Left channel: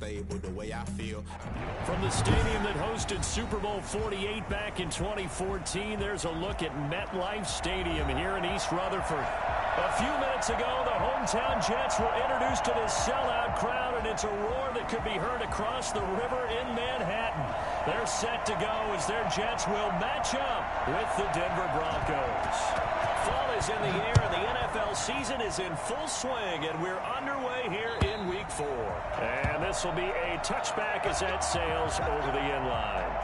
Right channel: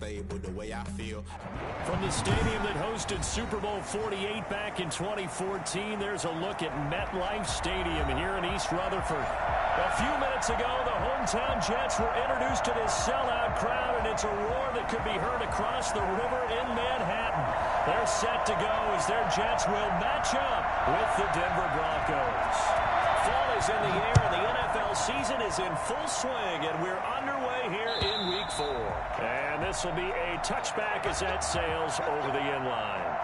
unstable the way I feel. From the stadium that hosted Super Bowl 48 back in 2014, there's a look at MetLife Stadium here in East Rutherford. A few minutes ago, the hometown Jets were introduced to this sellout crowd, and it's a roar that could be heard across the river in Manhattan. They're set to go as their Jets will match up with the Denver Broncos. Fall is in the air, and the NFL season is in full swing, and we're underway here in Week 4. And this will be a touchback as that sails over the end line.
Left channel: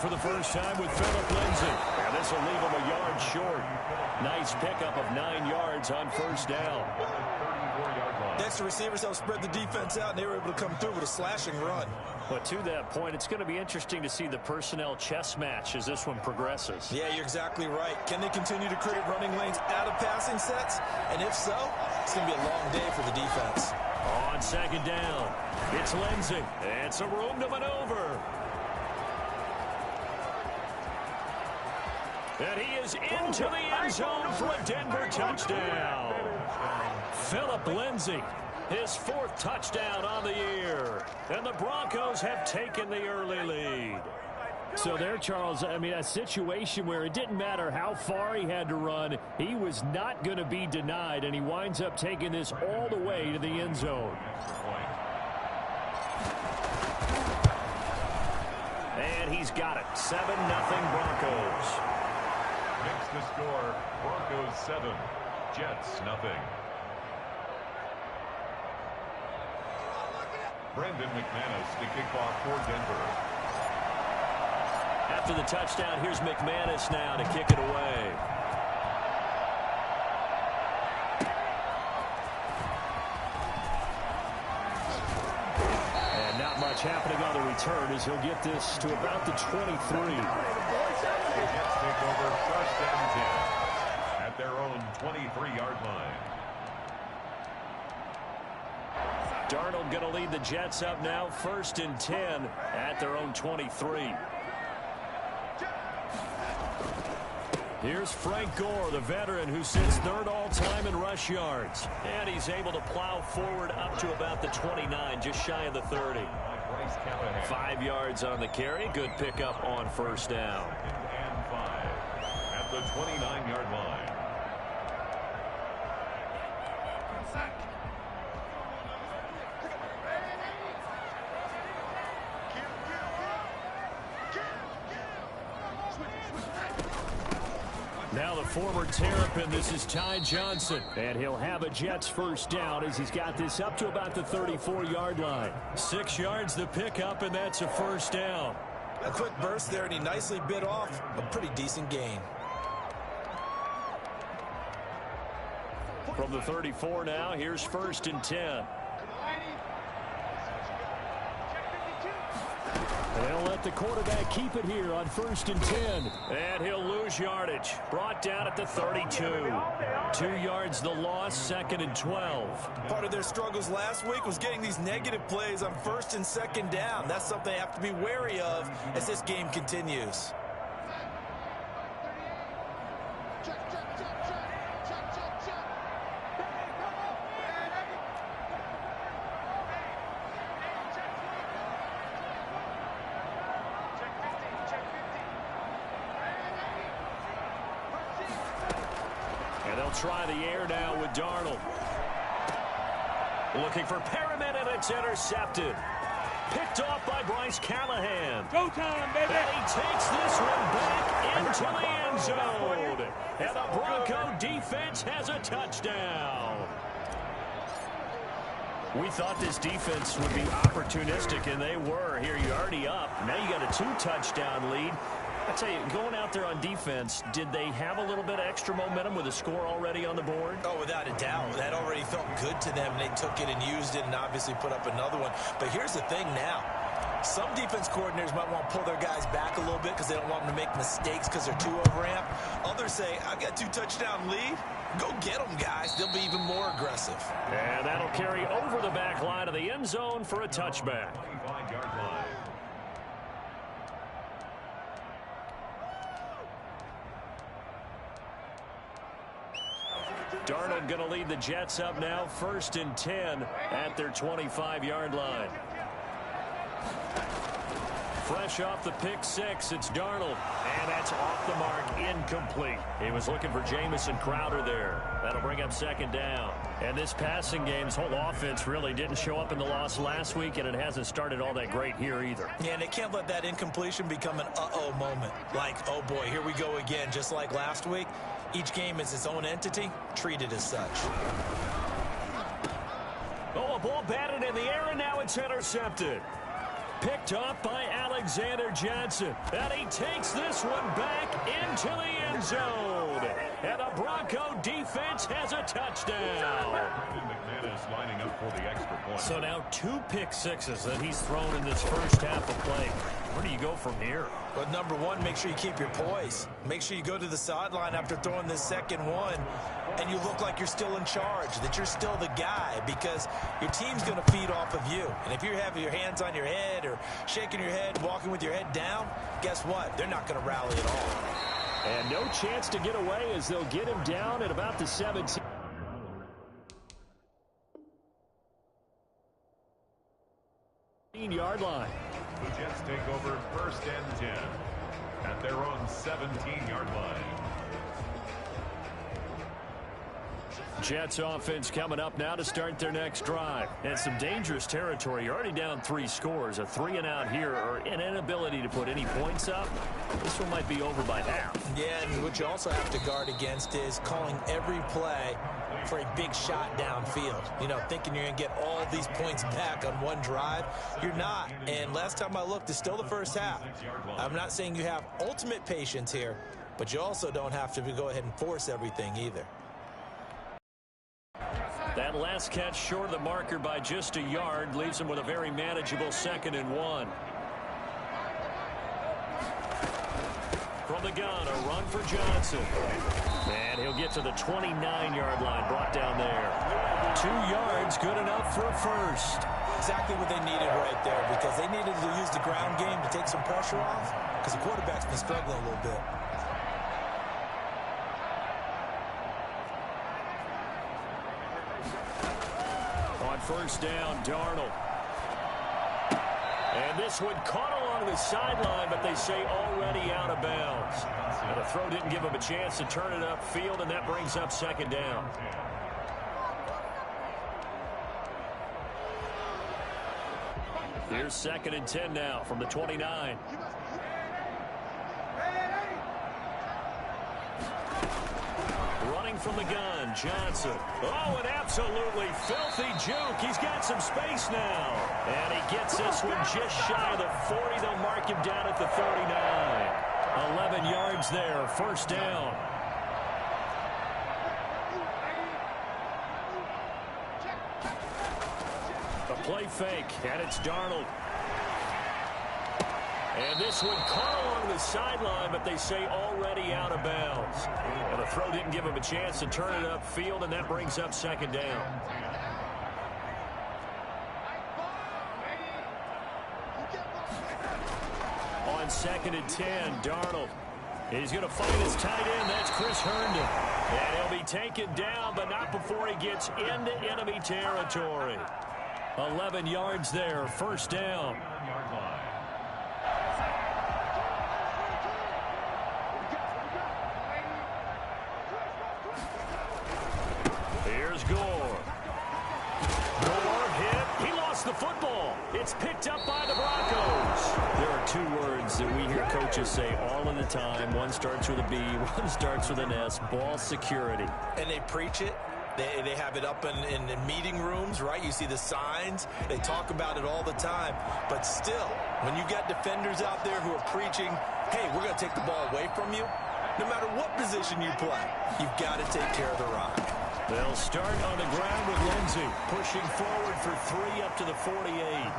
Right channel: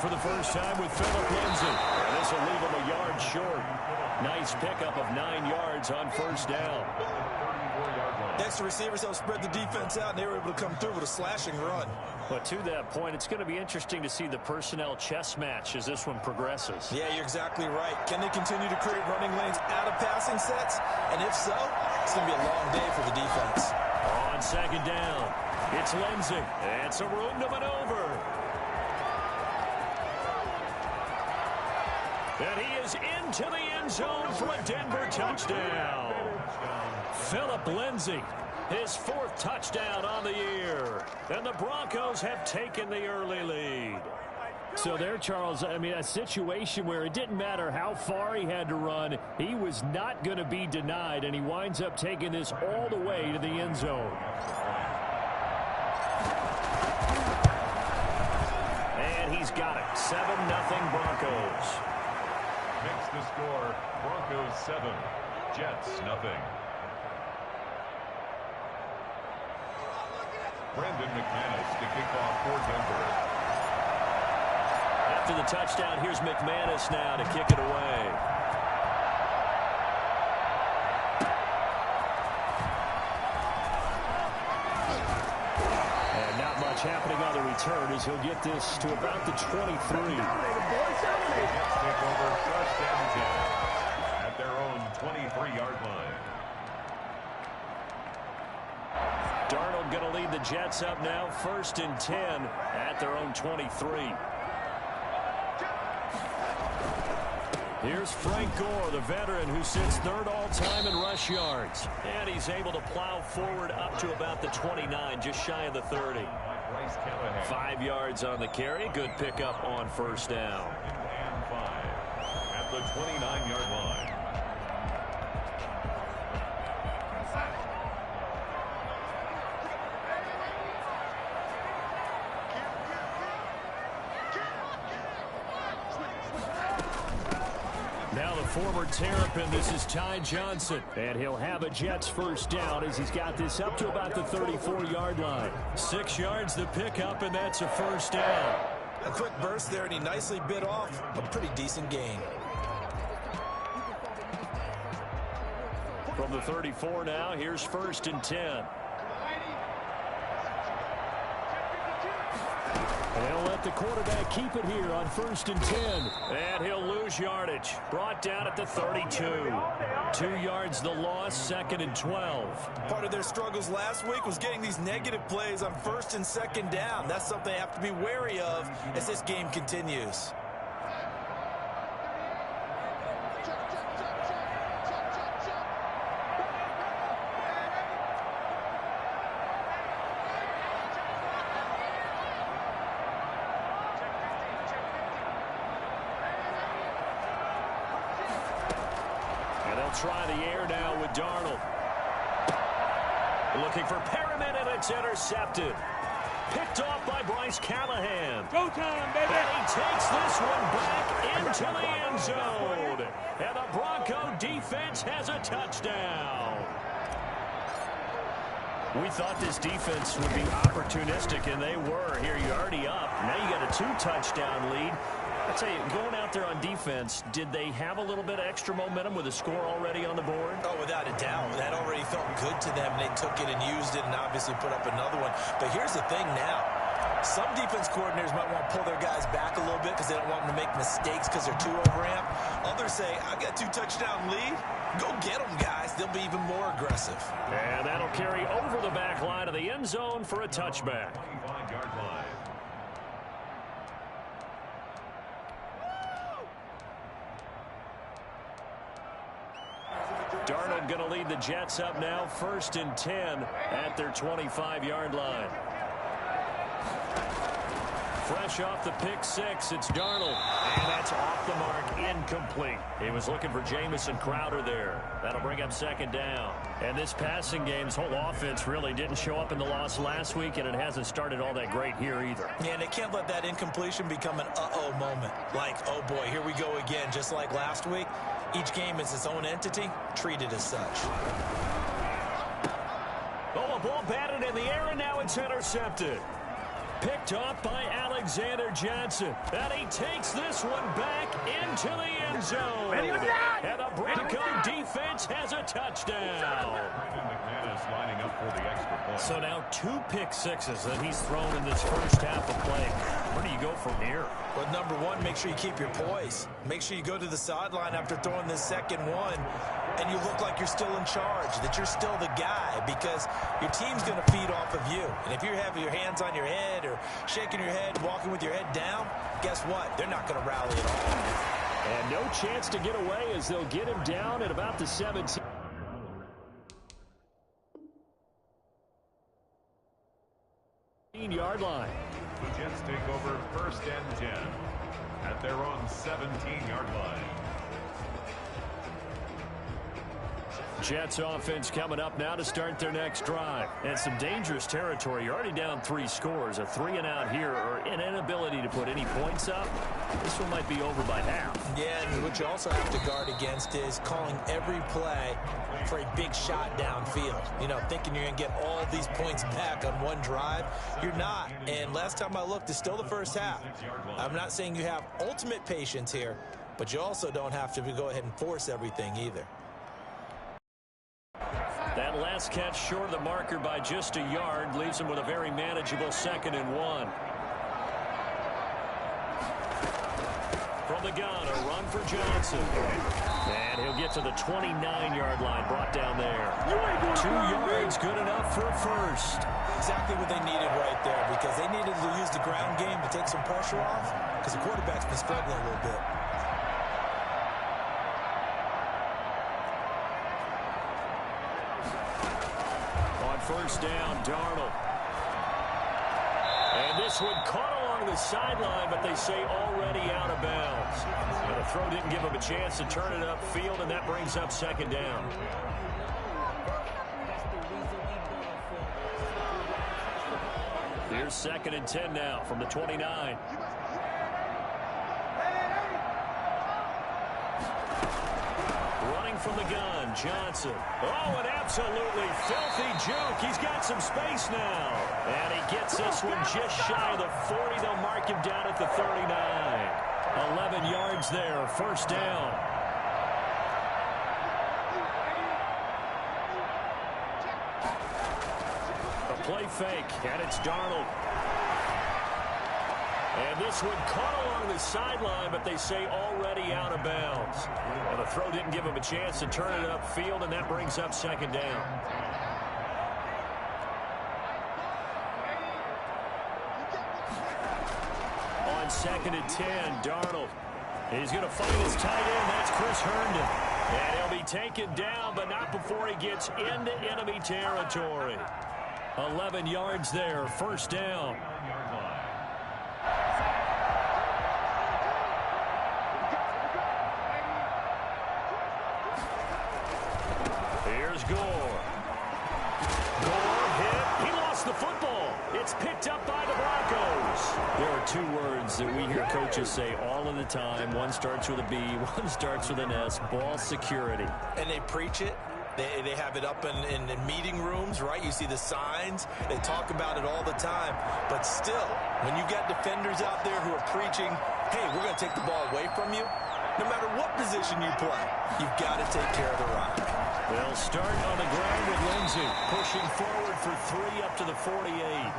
For the first time with Philip Lindsay. And this will leave him a yard short. Nice pickup of 9 yards on first down. Next, the receivers helped spread the defense out, and they were able to come through with a slashing run. But to that point, it's going to be interesting to see the personnel chess match as this one progresses. Yeah, you're exactly right. Can they continue to create running lanes out of passing sets? And if so, it's going to be a long day for the defense. On second down, it's Lindsay. And some room to maneuver. And he is into the end zone for a Denver touchdown. Philip Lindsay, his 4th touchdown on the year. And the Broncos have taken the early lead. So there, Charles, I mean, a situation where it didn't matter how far he had to run, he was not going to be denied, and he winds up taking this all the way to the end zone. And he's got it. 7-0 Broncos. Makes the score Broncos 7, Jets nothing. Brandon McManus to kick off for Denver. After the touchdown, here's McManus now to kick it away. And not much happening on the return as he'll get this to about the 23. Jets take over first and 10 at their own 23-yard line. Darnold going to lead the Jets up now, 1st and 10 at their own 23. Here's Frank Gore, the veteran who sits 3rd all-time in rush yards. And he's able to plow forward up to about the 29, just shy of the 30. 5 yards on the carry. Good pickup on first down. And 5 at the 29-yard line. Now the former Terrapin, this is Ty Johnson. And he'll have a Jets first down as he's got this up to about the 34-yard line. 6 yards the pickup, and that's a first down. A quick burst there, and he nicely bit off a pretty decent gain. From the 34 now, here's 1st and 10. And they'll let the quarterback keep it here on 1st and 10. And he'll lose yardage. Brought down at the 32. 2 yards the loss, 2nd and 12. Part of their struggles last week was getting these negative plays on 1st and 2nd down. That's something they have to be wary of as this game continues. Try the air now with Darnold. Looking for Perriman, and it's intercepted. Picked off by Bryce Callahan. Go time, baby! And he takes this one back into the end zone. And the Bronco defense has a touchdown. We thought this defense would be opportunistic, and they were. Here, you're already up. Now you got a 2-touchdown lead. I tell you, going out there on defense, did they have a little bit of extra momentum with a score already on the board? Oh, without a doubt. That already felt good to them. They took it and used it and obviously put up another one. But here's the thing now. Some defense coordinators might want to pull their guys back a little bit because they don't want them to make mistakes because they're too overamped. Others say, I've got 2-touchdown lead. Go get them, guys. They'll be even more aggressive. And that'll carry over the back line of the end zone for a touchback. 25-yard line. Darnold going to lead the Jets up now, 1st and 10 at their 25-yard line. Fresh off the pick six, it's Darnold. And that's off the mark, incomplete. He was looking for Jamison Crowder there. That'll bring up 2nd down. And this passing game's whole offense really didn't show up in the loss last week, and it hasn't started all that great here either. Yeah, and they can't let that incompletion become an uh-oh moment. Like, oh boy, here we go again, just like last week. Each game is its own entity, treat it as such. Oh, a ball batted in the air, and now it's intercepted. Picked off by Alexander Johnson. And he takes this one back into the end zone. And the Bronco defense has a touchdown. Lining up for the extra point. So now 2 pick sixes that he's thrown in this first half of play. Where do you go from here? Well, number one, make sure you keep your poise. Make sure you go to the sideline after throwing this second one, and you look like you're still in charge, that you're still the guy, because your team's going to feed off of you. And if you have your hands on your head or shaking your head, walking with your head down, guess what? They're not going to rally at all. And no chance to get away as they'll get him down at about the 17. Yard line. The Jets take over 1st and 10 at their own 17-yard line. Jets offense coming up now to start their next drive. And some dangerous territory. You're already down 3 scores. A 3-and-out here, or an inability to put any points up. This one might be over by half. Yeah, and what you also have to guard against is calling every play for a big shot downfield. You know, thinking you're going to get all these points back on one drive. You're not. And last time I looked, it's still the first half. I'm not saying you have ultimate patience here, but you also don't have to go ahead and force everything either. That last catch short of the marker by just a yard leaves him with a very manageable 2nd and 1. From the gun, a run for Johnson. And he'll get to the 29-yard line, brought down there. 2 yards, good enough for a first. Exactly what they needed right there, because they needed to use the ground game to take some pressure off, because the quarterback's been struggling a little bit. On 1st down, Darnold. And this one caught along the sideline, but they say already out of bounds. And the throw didn't give him a chance to turn it upfield, and that brings up 2nd down. Here's 2nd and 10 now from the 29. Running from the gun, Johnson. Oh, an absolutely filthy juke. He's got some space now. And he gets this one just shy of the 40. They'll mark him down at the 39. 11 yards there, 1st down. A play fake, and it's Darnold. And this one caught along the sideline, but they say already out of bounds. And the throw didn't give him a chance to turn it upfield, and that brings up 2nd down. On 2nd and 10, Darnold. He's going to find his tight end. That's Chris Herndon. And he'll be taken down, but not before he gets into enemy territory. 11 yards there, 1st down. Here's Gore. Gore hit. He lost the football. It's picked up by the Broncos. There are 2 words that we hear coaches say all of the time. One starts with a B, one starts with an S. Ball security. And they preach it. They have it up in meeting rooms, right? You see the signs. They talk about it all the time. But still, when you got defenders out there who are preaching, hey, we're going to take the ball away from you, no matter what position you play, you've got to take care of the rock. They'll start on the ground with Lindsey, pushing forward for 3 up to the 48.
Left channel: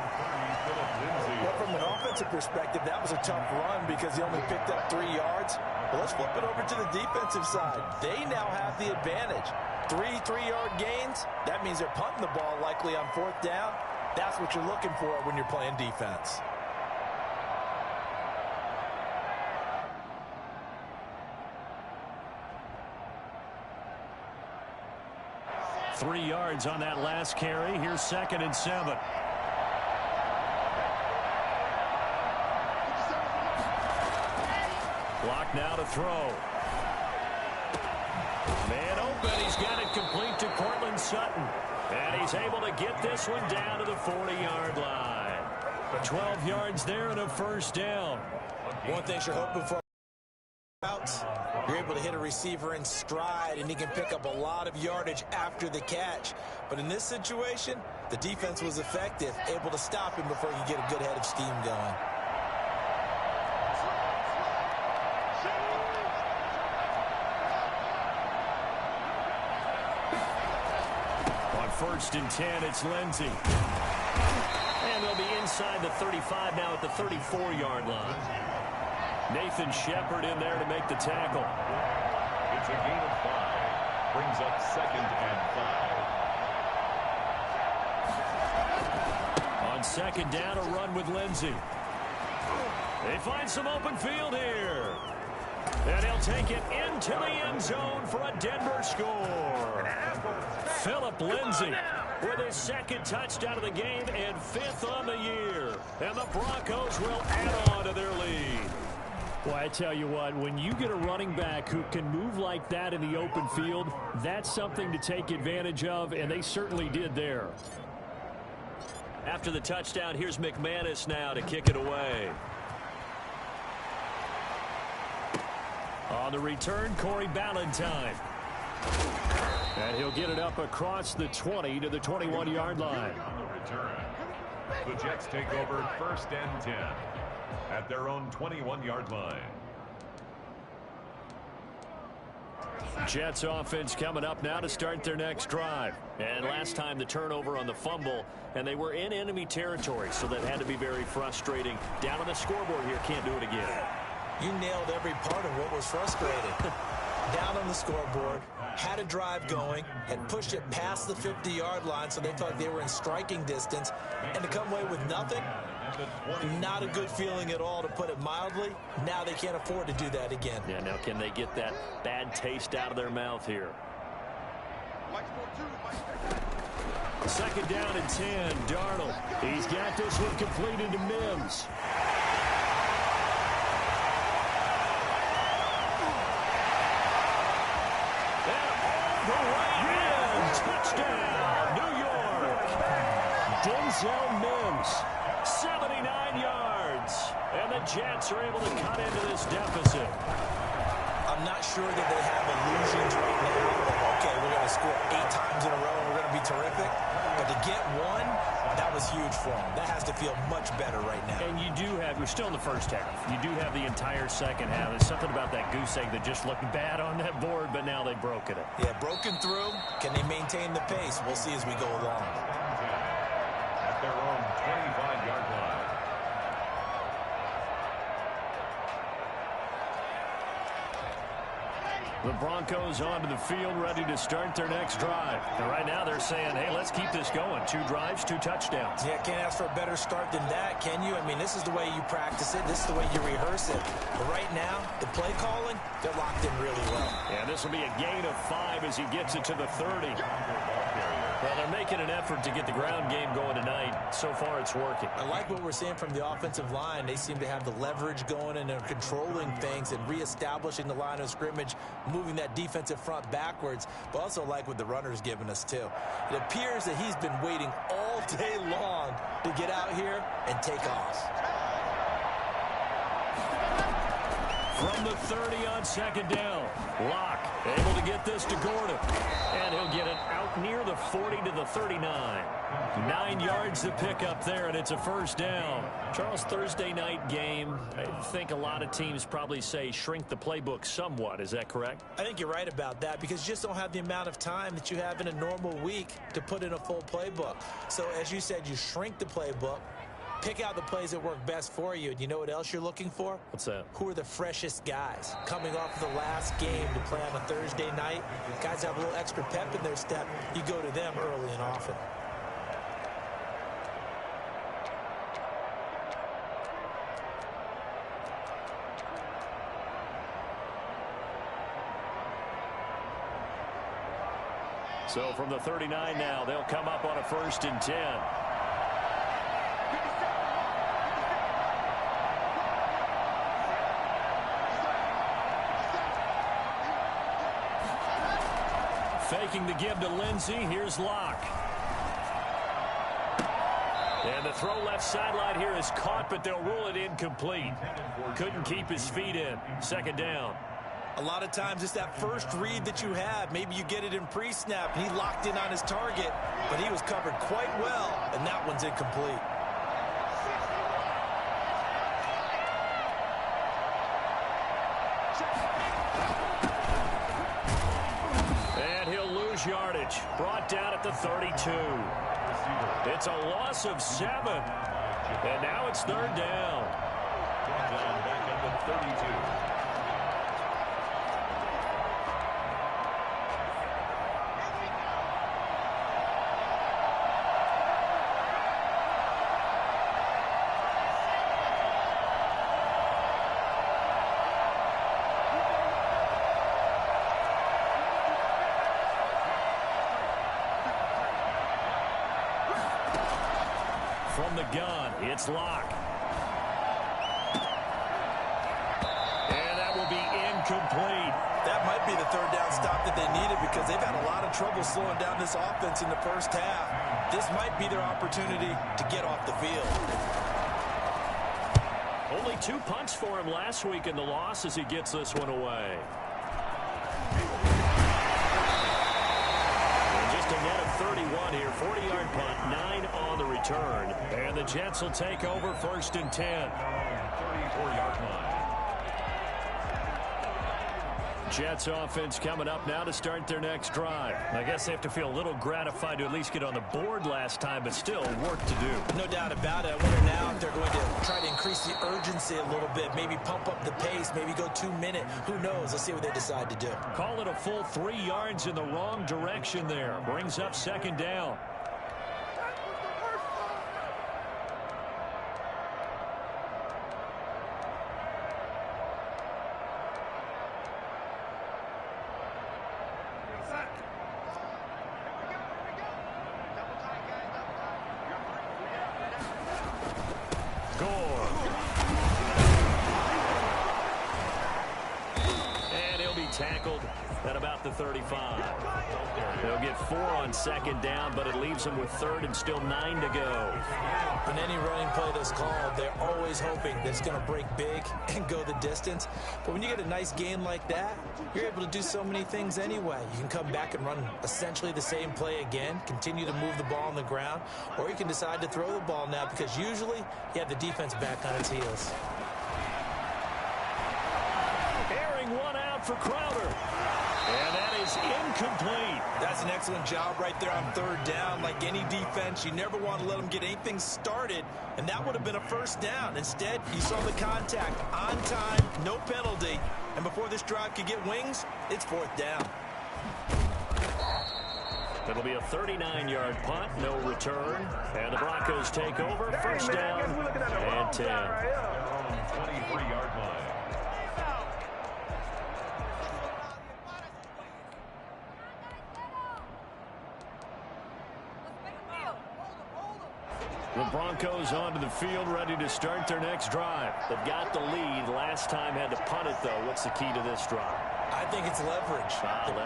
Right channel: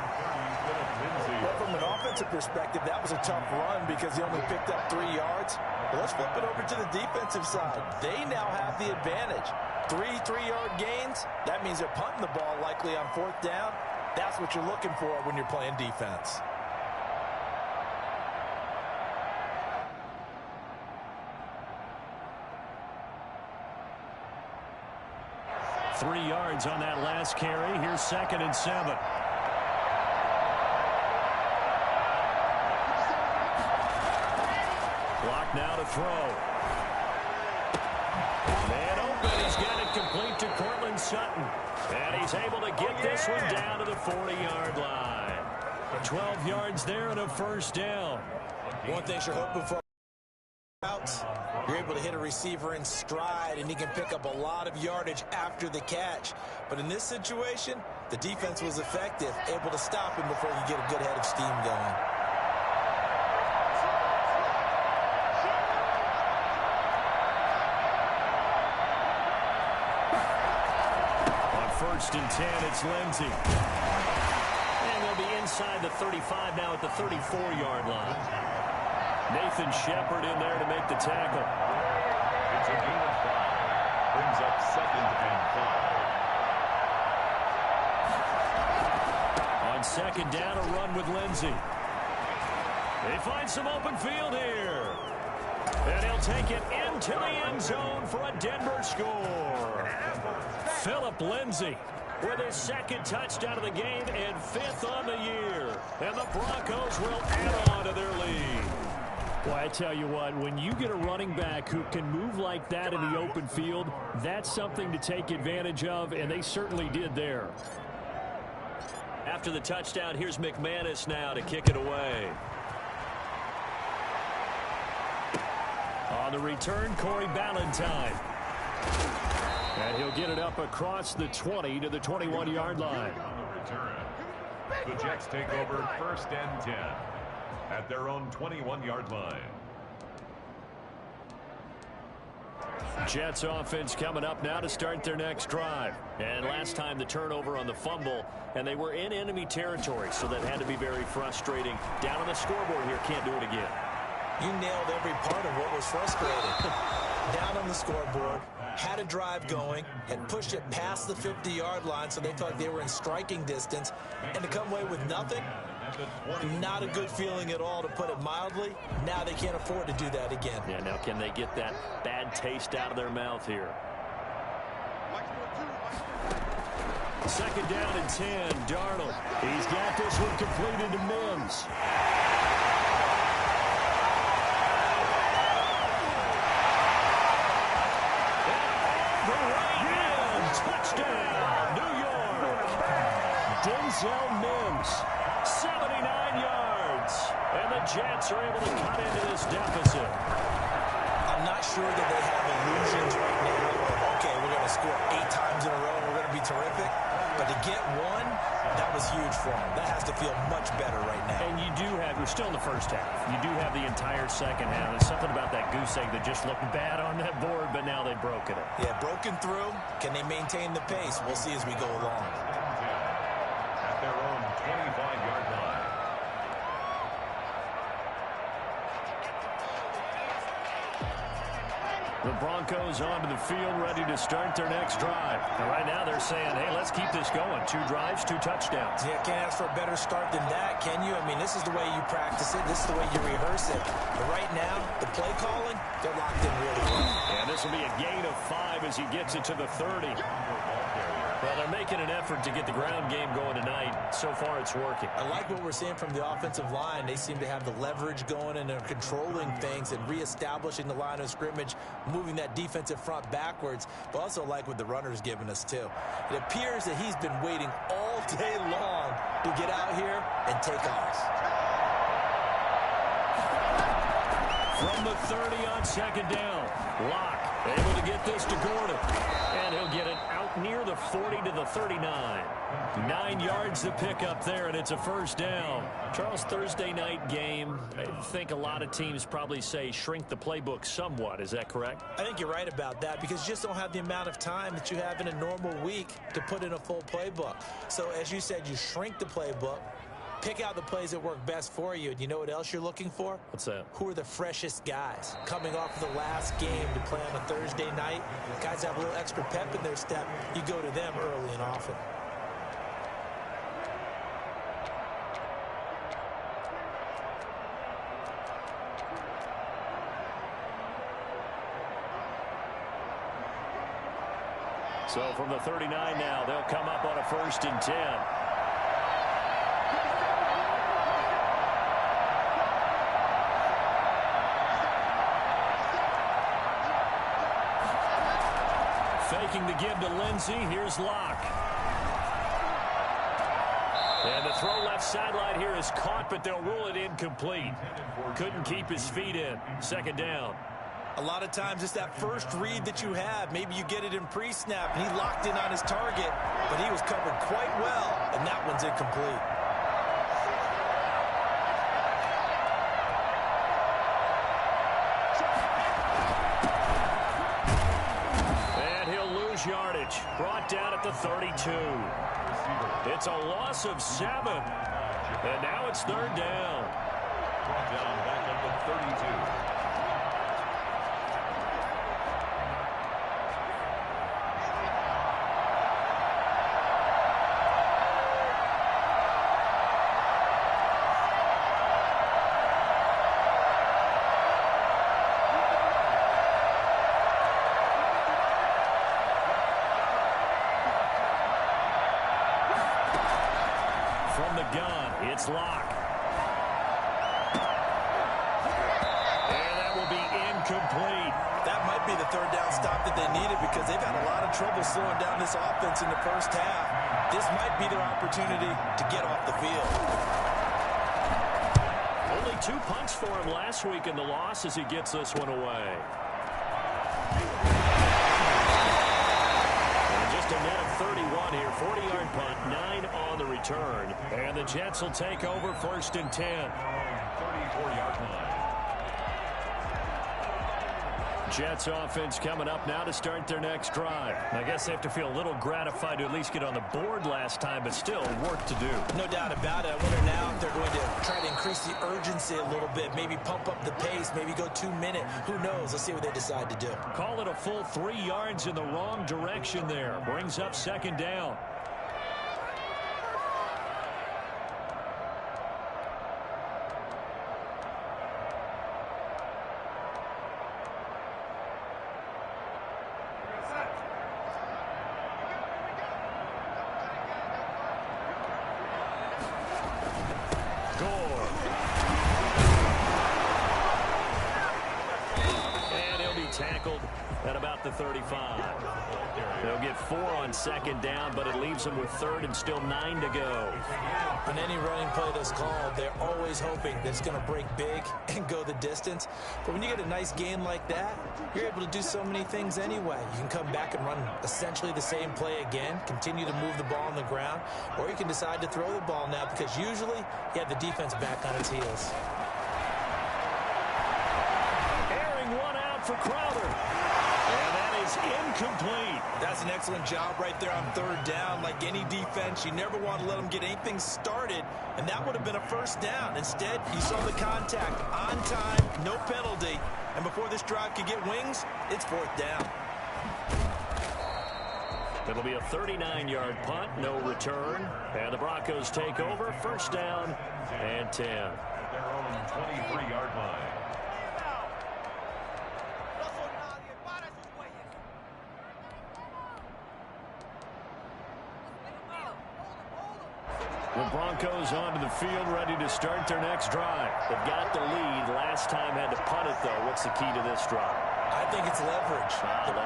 Well, from an offensive perspective, that was a tough run because he only picked up 3 yards. But let's flip it over to the defensive side. They now have the advantage. 3 3-yard gains, that means they're punting the ball likely on 4th down. That's what you're looking for when you're playing defense. Three yards on that last carry. Here's 2nd and 7. Block now to throw. Man open. He's got it complete to Cortland Sutton. And he's able to get this one down to the 40-yard line. 12 yards there and a 1st down. One thing you're hoping for. You're able to hit a receiver in stride, and he can pick up a lot of yardage after the catch. But in this situation, the defense was effective, able to stop him before you get a good head of steam going. On 1st and 10, it's Lindsey. And they'll be inside the 35 now at the 34-yard line. Nathan Shepard in there to make the tackle. It's a gain of 5. Brings up 2nd and 5. On 2nd down, a run with Lindsey. They find some open field here. And he'll take it into the end zone for a Denver score. Phillip Lindsay with his 2nd touchdown of the game and 5th on the year. And the Broncos will add on to their lead. Well, I tell you what, when you get a running back who can move like that in the open field, that's something to take advantage of, and they certainly did there. After the touchdown, here's McManus now to kick it away. On the return, Corey Ballantyne. And he'll get it up across the 20 to the 21-yard line. On the return, the Jets take over 1st and 10 at their own 21-yard line. Jets offense coming up now to start their next drive. And last time the turnover on the fumble, and they were in enemy territory, so that had to be very frustrating. Down on the scoreboard here, can't do it again. You nailed every part of what was frustrating. Down on the scoreboard, had a drive going, had pushed it past the 50-yard line so they felt they were in striking distance, and to come away with nothing, not a good feeling at all, to put it mildly. Now they can't afford to do that again. Yeah, now can they get that bad taste out of their mouth here? 2nd down and 10, Darnold. He's got this one completed to Mims. Touchdown, New York. Denzel Mims, 79 yards. And the Jets are able to cut into this deficit. I'm not sure that they have illusions right now of, okay, we're going to score 8 times in a row and we're going to be terrific. But to get one, that was huge for them. That has to feel much better right now. And you do have, we're still in the first half. You do have the entire second half. There's something about that goose egg that just looked bad on that board, but now they've broken it. Yeah, broken through. Can they maintain the pace? We'll see as we go along. At their own 25-yard line. The Broncos onto the field, ready to start their next drive. And right now they're saying, hey, let's keep this going. 2 drives, 2 touchdowns. Yeah, can't ask for a better start than that, can you? I mean, this is the way you practice it. This is the way you rehearse it. But right now, the play calling, they're locked in really well. And this will be a gain of 5 as he gets it to the 30. Well, they're making an effort to get the ground game going tonight. So far, it's working. I like what we're seeing from the offensive line. They seem to have the leverage going, and they're controlling things and reestablishing the line of scrimmage, moving that defensive front backwards, but also like what the runner's giving us, too. It appears that he's been waiting all day long to get out here and take off. From the 30 on second down. Locke able to get this to Gordon. And he'll get it out near the 40 to the 39. 9 yards to pick up there, and it's a first down. Charles, Thursday night game, I think a lot of teams probably say shrink the playbook somewhat. Is that correct? I think you're right about that because you just don't have the amount of time that you have in a normal week to put in a full playbook. So, as you said, you shrink the playbook. Pick out the plays that work best for you. And you know what else you're looking for? What's that? Who are the freshest guys coming off of the last game to play on a Thursday night? Guys have a little extra pep in their step. You go to them early and often. So from the 39 now, they'll come up on a 1st and 10. Faking the give to Lindsey. Here's Locke. And the throw left sideline here is caught, but they'll rule it incomplete. Couldn't keep his feet in. 2nd down. A lot of times it's that first read that you have. Maybe you get it in pre-snap, and he locked in on his target, but he was covered quite well, and that one's incomplete. Yardage brought down at the 32. It's a loss of 7. And now it's 3rd down. Brought down back at the 32. From the gun, it's Locke. And that will be incomplete. That might be the 3rd down stop that they needed because they've had a lot of trouble slowing down this offense in the first half. This might be their opportunity to get off the field. Only 2 punts for him last week in the loss as he gets this one away. Just a net of 31 here. 40-yard punt, 9 on the return. And the Jets will take over 1st and 10. 34-yard line. Jets offense coming up now to start their next drive. I guess they have to feel a little gratified to at least get on the board last time, but still work to do. No doubt about it. I wonder now if they're going to try to increase the urgency a little bit, maybe pump up the pace, maybe go 2-minute. Who knows? Let's see what they decide to do. Call it a full 3 yards in the wrong direction there. Brings up 2nd down. Tackled at about the 35. They'll get 4 on 2nd down, but it leaves them with 3rd and still 9 to go. On any running play that's called, they're always hoping that it's going to break big and go the distance. But when you get a nice game like that, you're able to do so many things anyway. You can come back and run essentially the same play again, continue to move the ball on the ground, or you can decide to throw the ball now because usually you have the defense back on its heels. One out for Crowder. And that is incomplete. That's an excellent job right there on 3rd down. Like any defense, you never want to let them get anything started, and that would have been a 1st down. Instead, you saw the contact on time, no penalty, and before this drive could get wings, it's 4th down. It'll be a 39-yard punt, no return, and the Broncos take over, 1st down and 10. Their own 23-yard line. The Broncos onto the field, ready to start their next drive. They've got the lead. Last time had to punt it, though. What's the key to this drive? I think it's leverage.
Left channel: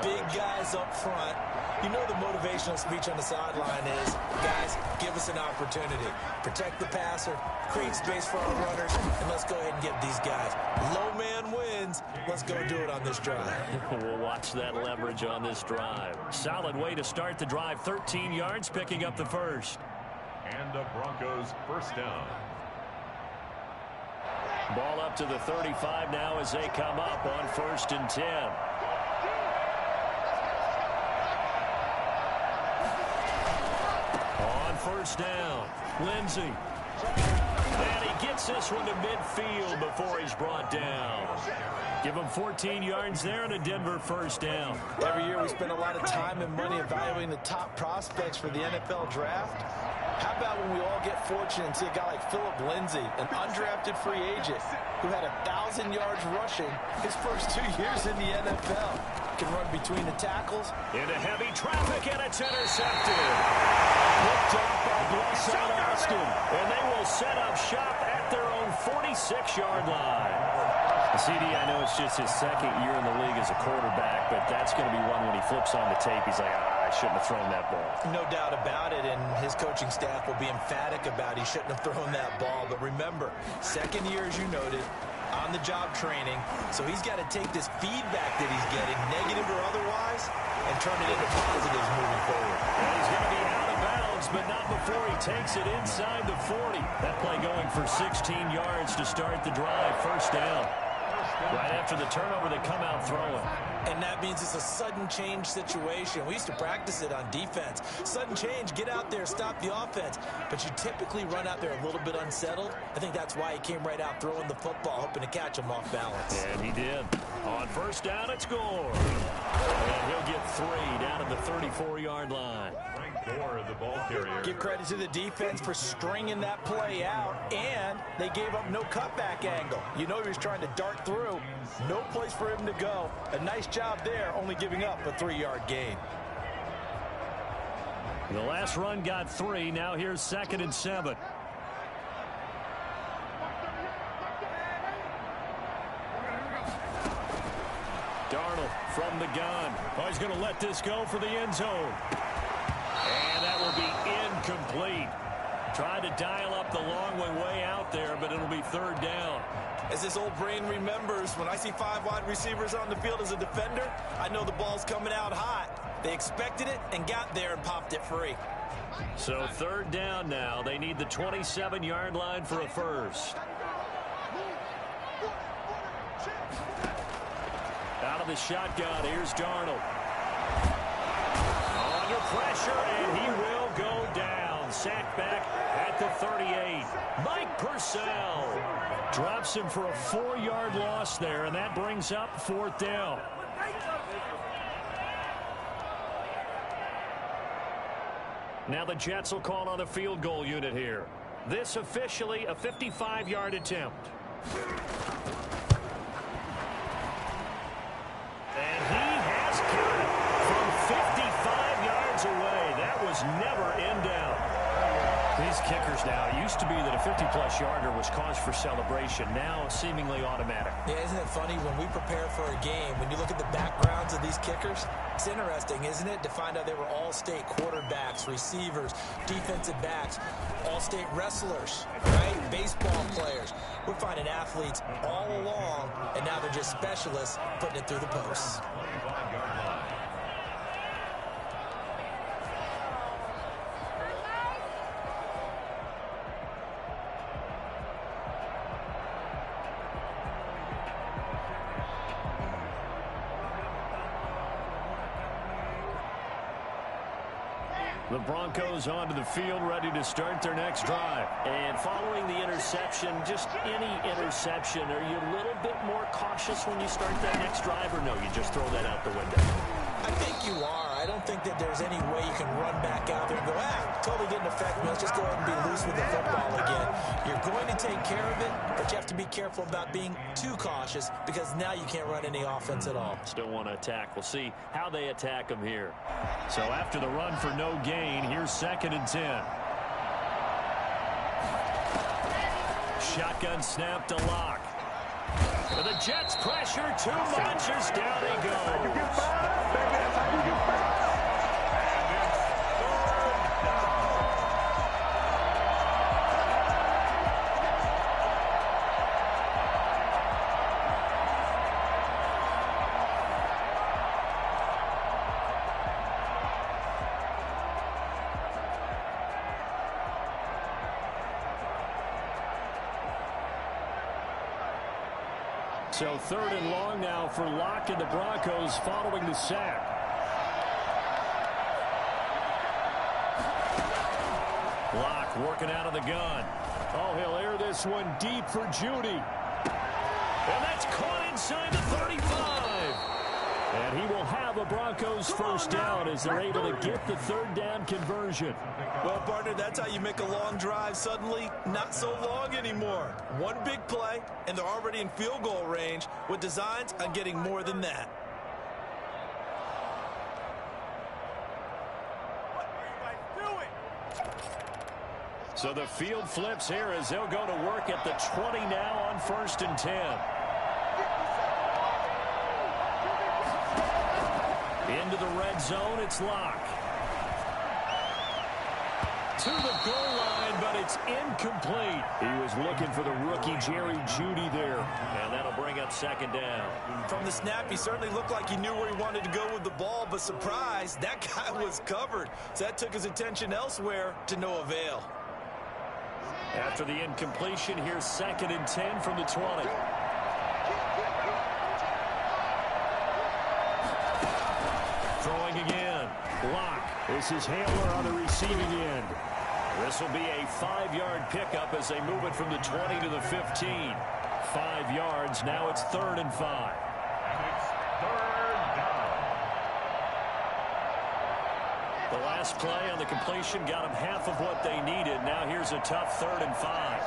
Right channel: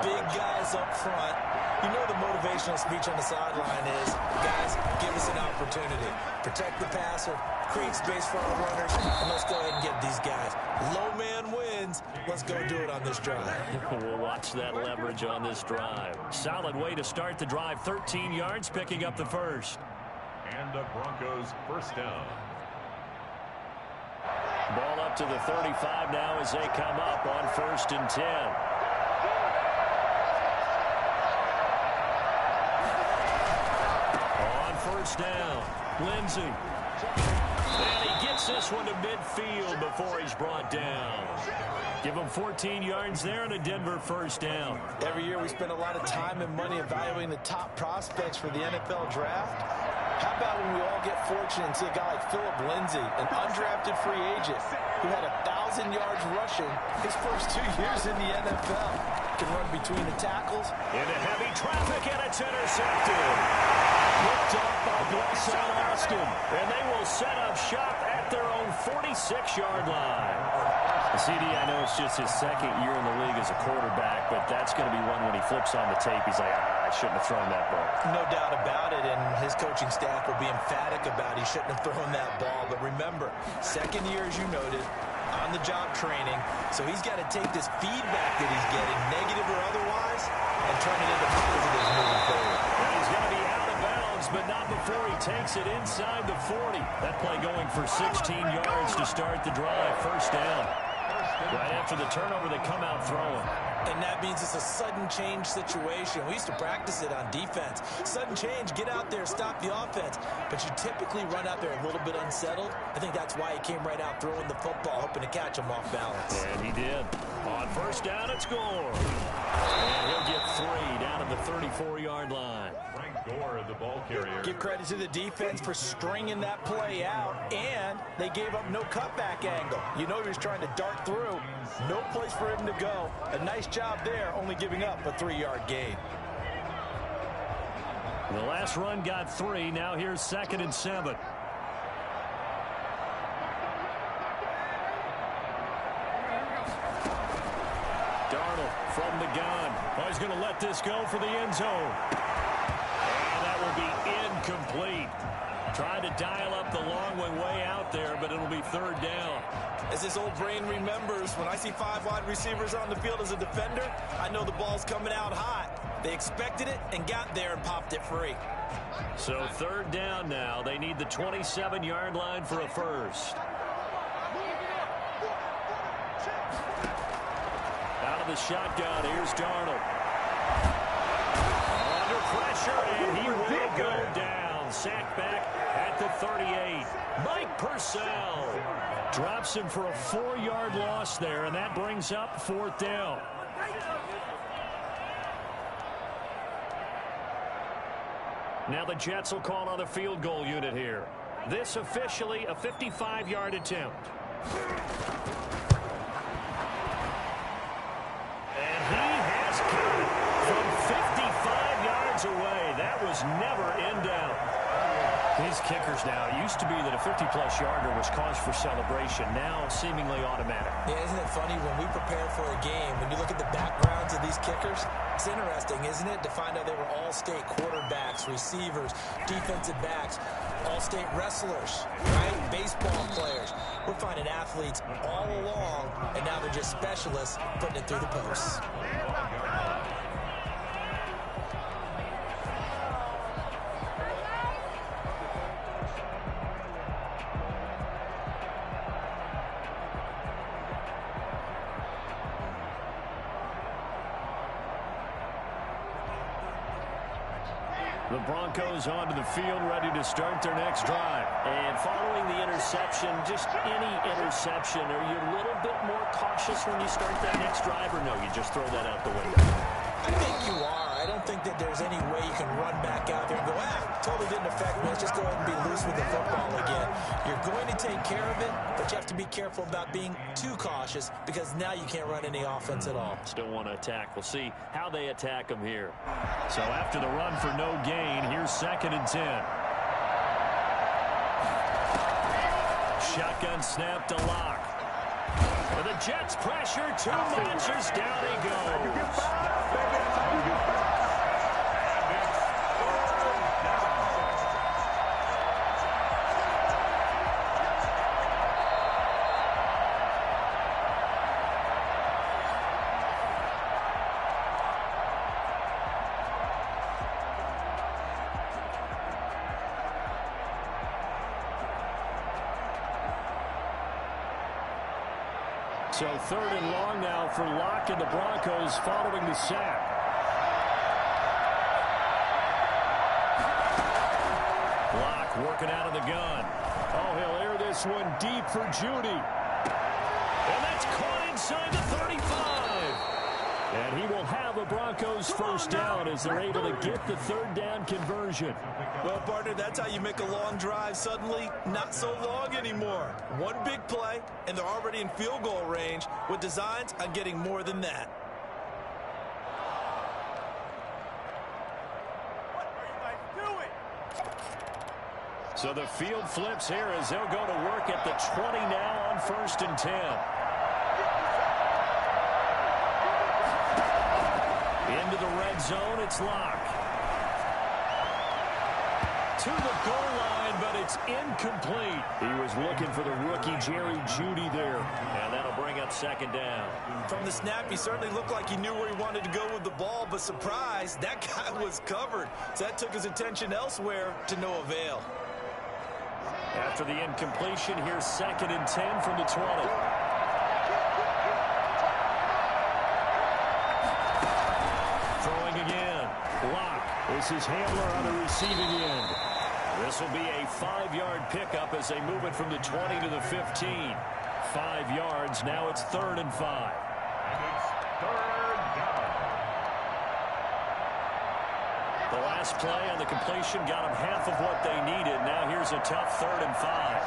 Big guys up front. You know the motivational speech on the sideline is, guys, give us an opportunity. Protect the passer, create space for our runners, and let's go ahead and get these guys. Low man wins. Let's go do it on this drive. We'll watch that leverage on this drive. Solid way to start the drive. 13 yards, picking up the first. And the Broncos first down. Ball up to the 35 now as they come up on 1st and 10. On 1st down, Lindsey. And he gets this one to midfield before he's brought down. Give him 14 yards there and a Denver first down. Every year we spend a lot of time and money evaluating the top prospects for the NFL draft. How about when we all get fortunate and see a guy like Philip Lindsay, an undrafted free agent who had 1,000 yards rushing his first 2 years in the NFL. Can run between the tackles. Into heavy traffic, and it's intercepted. Looked off by Blesson Austin, and they will set up shop at their own 46-yard line. CD, I know it's just his second year in the league as a quarterback, but that's going to be one when he flips on the tape. He's like, I shouldn't have thrown that ball. No doubt about it, and his coaching staff will be emphatic about he shouldn't have thrown that ball. But remember, second year, as you noted, on-the-job training, so he's got to take this feedback that he's getting, negative or otherwise, and turn it into positives moving forward. And he's going to be out of bounds, but not before he takes it inside the 40. That play going for 16 yards to start the drive. First down. Right after the turnover, they come out throwing. And that means it's a sudden change situation. We used to practice it on defense. Sudden change, get out there, stop the offense. But you typically run out there a little bit unsettled. I think that's why he came right out throwing the football, hoping to catch him off balance. And he did. On first down, it's Gore. And he'll get 3 down at the 34-yard line. Gore, the ball carrier. Give credit to the defense for stringing that play out, and they gave up no cutback angle. You know he was trying to dart through. No place for him to go. A nice job there, only giving up a 3-yard gain. The last run got 3. Now here's 2nd and 7. Darnold from the gun. Oh, he's going to let this go for the end zone. And that will be incomplete. Tried to dial up the long way out there, but it'll be 3rd down. As this old brain remembers, when I see 5 wide receivers on the field as a defender, I know the ball's coming out hot. They expected it and got there and popped it free. So 3rd down now. They need the 27-yard line for a first. Out of the shotgun, here's Darnold. Under pressure, and he will go down. Sacked back at the 38. Mike Purcell drops him for a 4-yard loss there, and that brings up 4th down. Now the Jets will call on a field goal unit here. This officially a 55-yard attempt. And he has got it from 55 yards away. That was never in doubt. These kickers now, it used to be that a 50-plus yarder was cause for celebration. Now seemingly automatic. Yeah, isn't it funny when we prepare for a game, when you look at the backgrounds of these kickers, it's interesting, isn't it, to find out they were all-state quarterbacks, receivers, defensive backs, all-state wrestlers, right? Baseball players. We're finding athletes all along, and now they're just specialists putting it through the posts. The Broncos onto the field, ready to start their next drive. And following the interception, just any interception, are you a little bit more cautious when you start that next drive, or no, you just throw that out the window? I think you are. I don't think that there's any way you can run back out there and go, totally didn't affect me. Let's just go ahead and be loose with the football again. You're going to take care of it, but you have to be careful about being too cautious because now you can't run any offense at all. Still want to attack. We'll see how they attack them here. So after the run for no gain, here's 2nd and 10. Shotgun snap to Locke. And the Jets pressure too much as down he goes. So 3rd and long now for Locke and the Broncos following the sack. Locke working out of the gun. Oh, he'll air this one deep for Judy. And that's caught inside the 35. And he will have a Broncos first down as they're able to get the 3rd down conversion. Well, partner, that's how you make a long drive suddenly not so long anymore. One big play, and they're already in field goal range with designs on getting more than that. What are you guys doing? So the field flips here as they'll go to work at the 20 now on 1st and 10. Into the red zone, it's Locke. To the goal line, but it's incomplete. He was looking for the rookie Jerry Jeudy there, and that'll bring up 2nd down. From the snap, he certainly looked like he knew where he wanted to go with the ball, but surprise, that guy was covered. So that took his attention elsewhere to no avail. After the incompletion, here's 2nd and 10 from the 20. Throwing again. Locke. This is Hamler on the receiving end. This will be a 5-yard pickup as they move it from the 20 to the 15. 5 yards. Now it's 3rd and 5. And it's 3rd down. The last play on the completion got them half of what they needed. Now here's a tough 3rd and 5.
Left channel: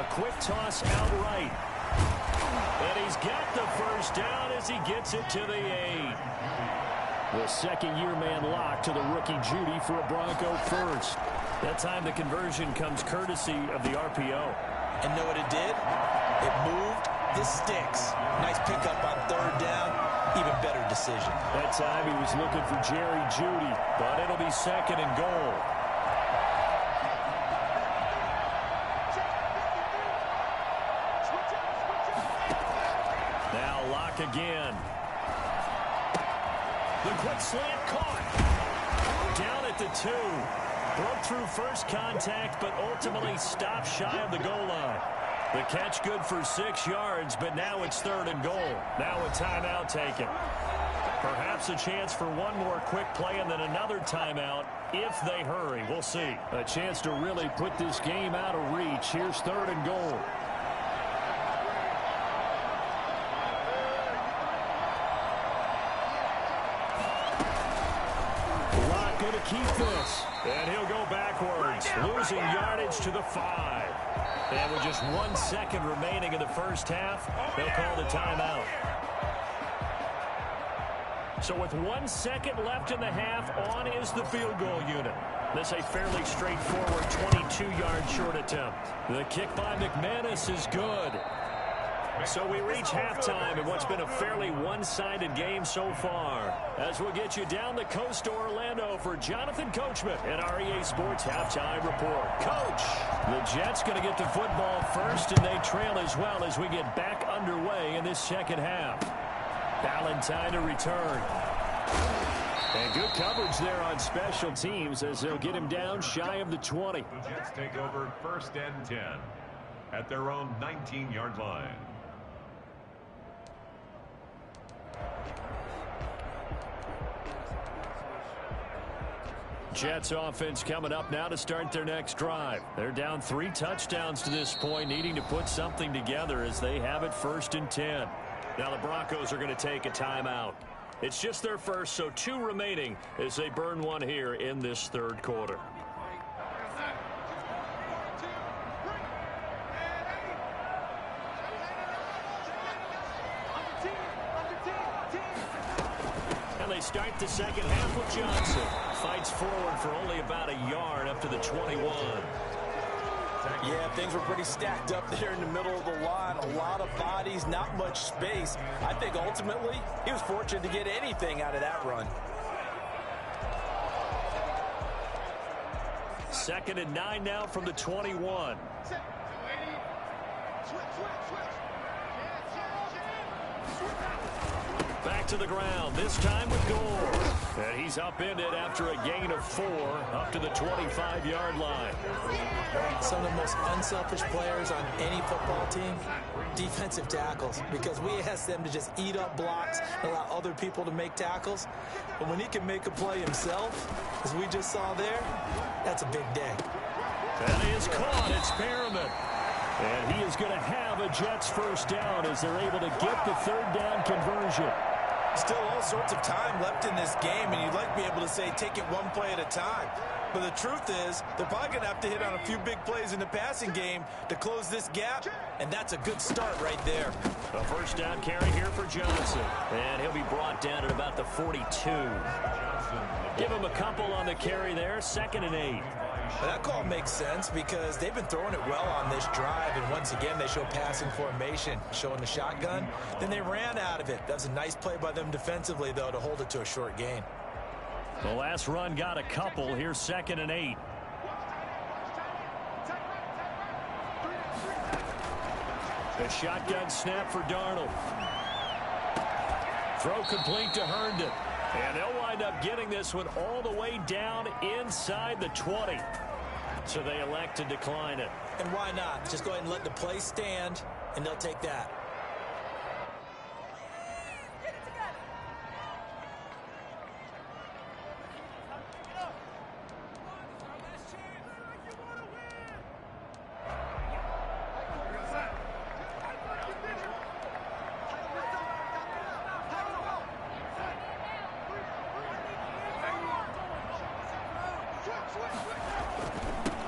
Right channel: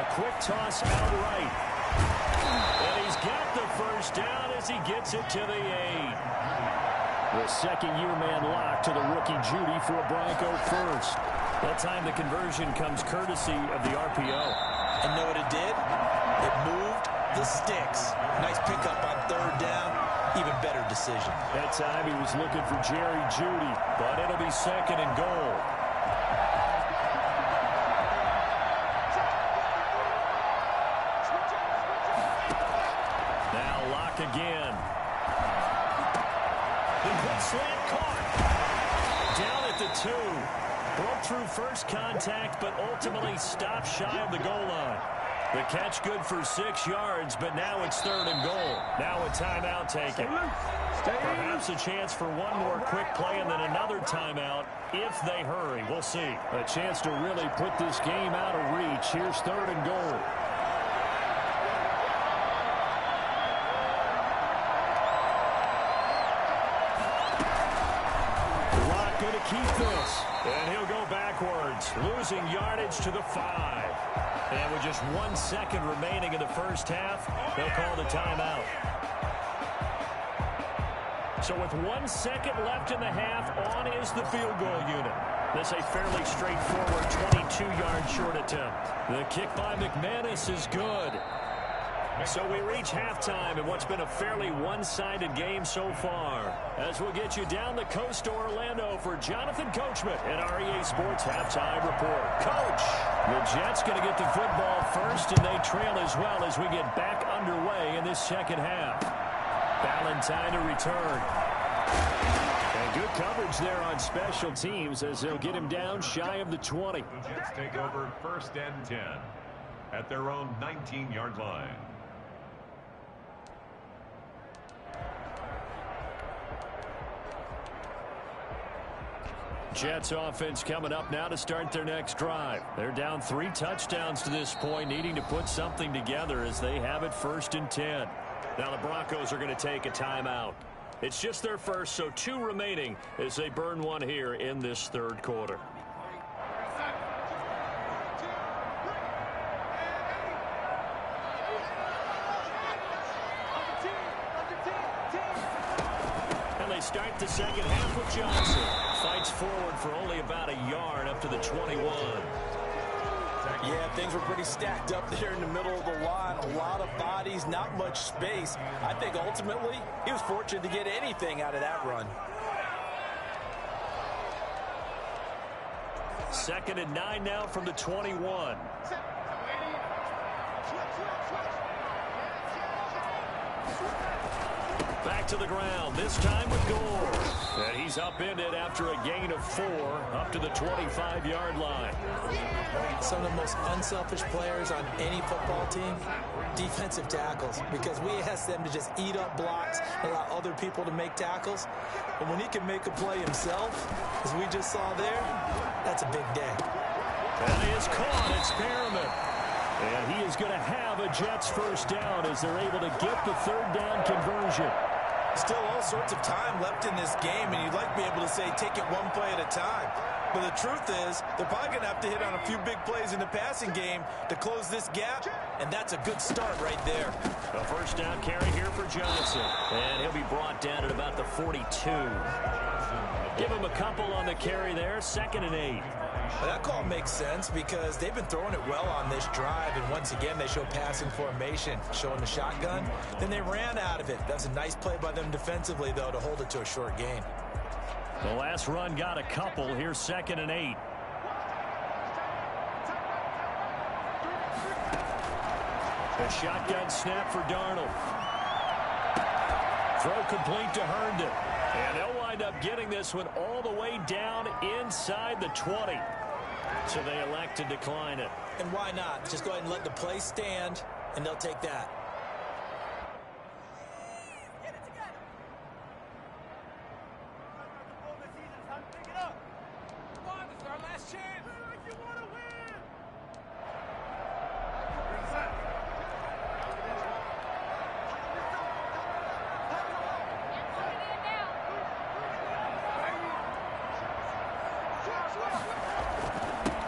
A quick toss out right. And he's got the first down as he gets it to the 8. The 2nd-year man Locke to the rookie Jeudy for a Bronco first. That time the conversion comes courtesy of the RPO. And know what it did? It moved the sticks. Nice pickup on 3rd down. Even better decision. That time he was looking for Jerry Jeudy, but it'll be 2nd and goal. Now Locke again. The quick slant caught. Down at the 2. Broke through first contact, but ultimately stopped shy of the goal line. The catch good for 6 yards, but now it's 3rd and goal. Now a timeout taken. Perhaps a chance for one more quick play and then another timeout if they hurry. We'll see. A chance to really put this game out of reach. Here's 3rd and goal. Locke going to keep this. And he'll go backwards, losing yardage to the 5. And with just 1 second remaining in the first half, they'll call the timeout. So with 1 second left in the half, on is the field goal unit. This a fairly straightforward 22-yard short attempt. The kick by McManus is good. So we reach halftime in what's been a fairly one-sided game so far. As we'll get you down the coast to Orlando for Jonathan Coachman at our EA Sports Halftime Report. Coach, the Jets going to get the football first, and they trail as well as we get back underway in this second half. Valentine to return. And good coverage there on special teams as they'll get him down shy of the 20. The Jets take over 1st and 10 at their own 19-yard line. Jets offense coming up now to start their next drive. They're down 3 touchdowns to this point, needing to put something together as they have it 1st and 10. Now the Broncos are going to take a timeout. It's just their first, so 2 remaining as they burn one here in this 3rd quarter. And they start the second half with Johnson. fights forward for only about a yard up to the 21. Yeah, things were pretty stacked up there in the middle of the line. A lot of bodies, not much space. I think ultimately he was fortunate to get anything out of that run. 2nd and 9 now from the 21. Back to the ground, this time with Gore. And he's upended after a gain of 4 up to the 25-yard line. Some of the most unselfish players on any football team, defensive tackles, because we ask them to just eat up blocks and allow other people to make tackles. But when he can make a play himself, as we just saw there, that's a big day. And he is caught. It's Perriman. And he is going to have a Jets first down as they're able to get the 3rd down conversion. Still all sorts of time left in this game, and you'd like to be able to say take it one play at a time. But the truth is, they're probably going to have to hit on a few big plays in the passing game to close this gap, and that's a good start right there. A first down carry here for Johnson. And he'll be brought down at about the 42. Give him a couple on the carry there, 2nd and 8. Well, that call makes sense because they've been throwing it well on this drive, and once again they show passing formation, showing the shotgun. Then they ran out of it. That was a nice play by them defensively, though, to hold it to a short gain. The last run got a couple. Here's 2nd and 8. A shotgun snap for Darnold. Throw complete to Herndon. And they'll wind up getting this one all the way down inside the 20. So they elect to decline it. And why not? Just go ahead and let the play stand, and they'll take that.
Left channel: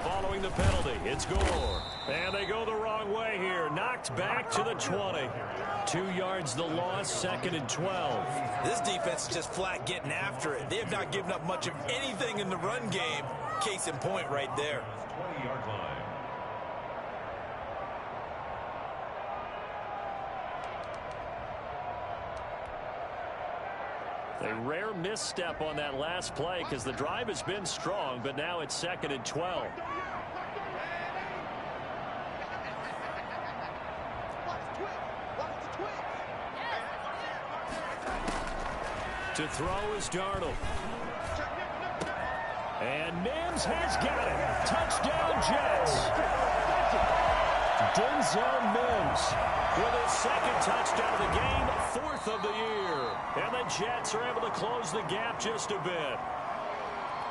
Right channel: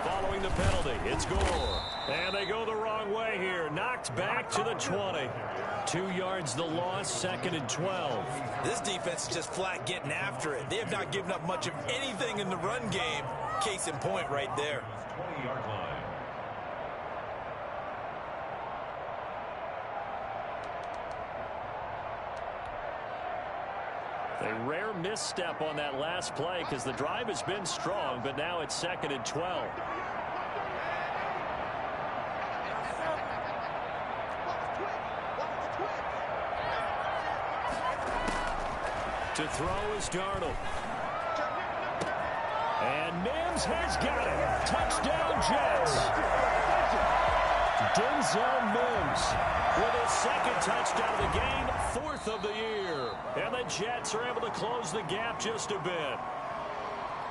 Following the penalty, it's Gore. And they go the wrong way here. Knocked back to the 20. 2 yards the loss, 2nd and 12. This defense is just flat getting after it. They have not given up much of anything in the run game. Case in point right there. 20-yard line. A rare misstep on that last play because the drive has been strong, but now it's 2nd and 12. To throw is Darnold. And Mims has got it. Touchdown, Jets. Denzel Mims with his 2nd touchdown of the game, 4th of the year. And the Jets are able to close the gap just a bit.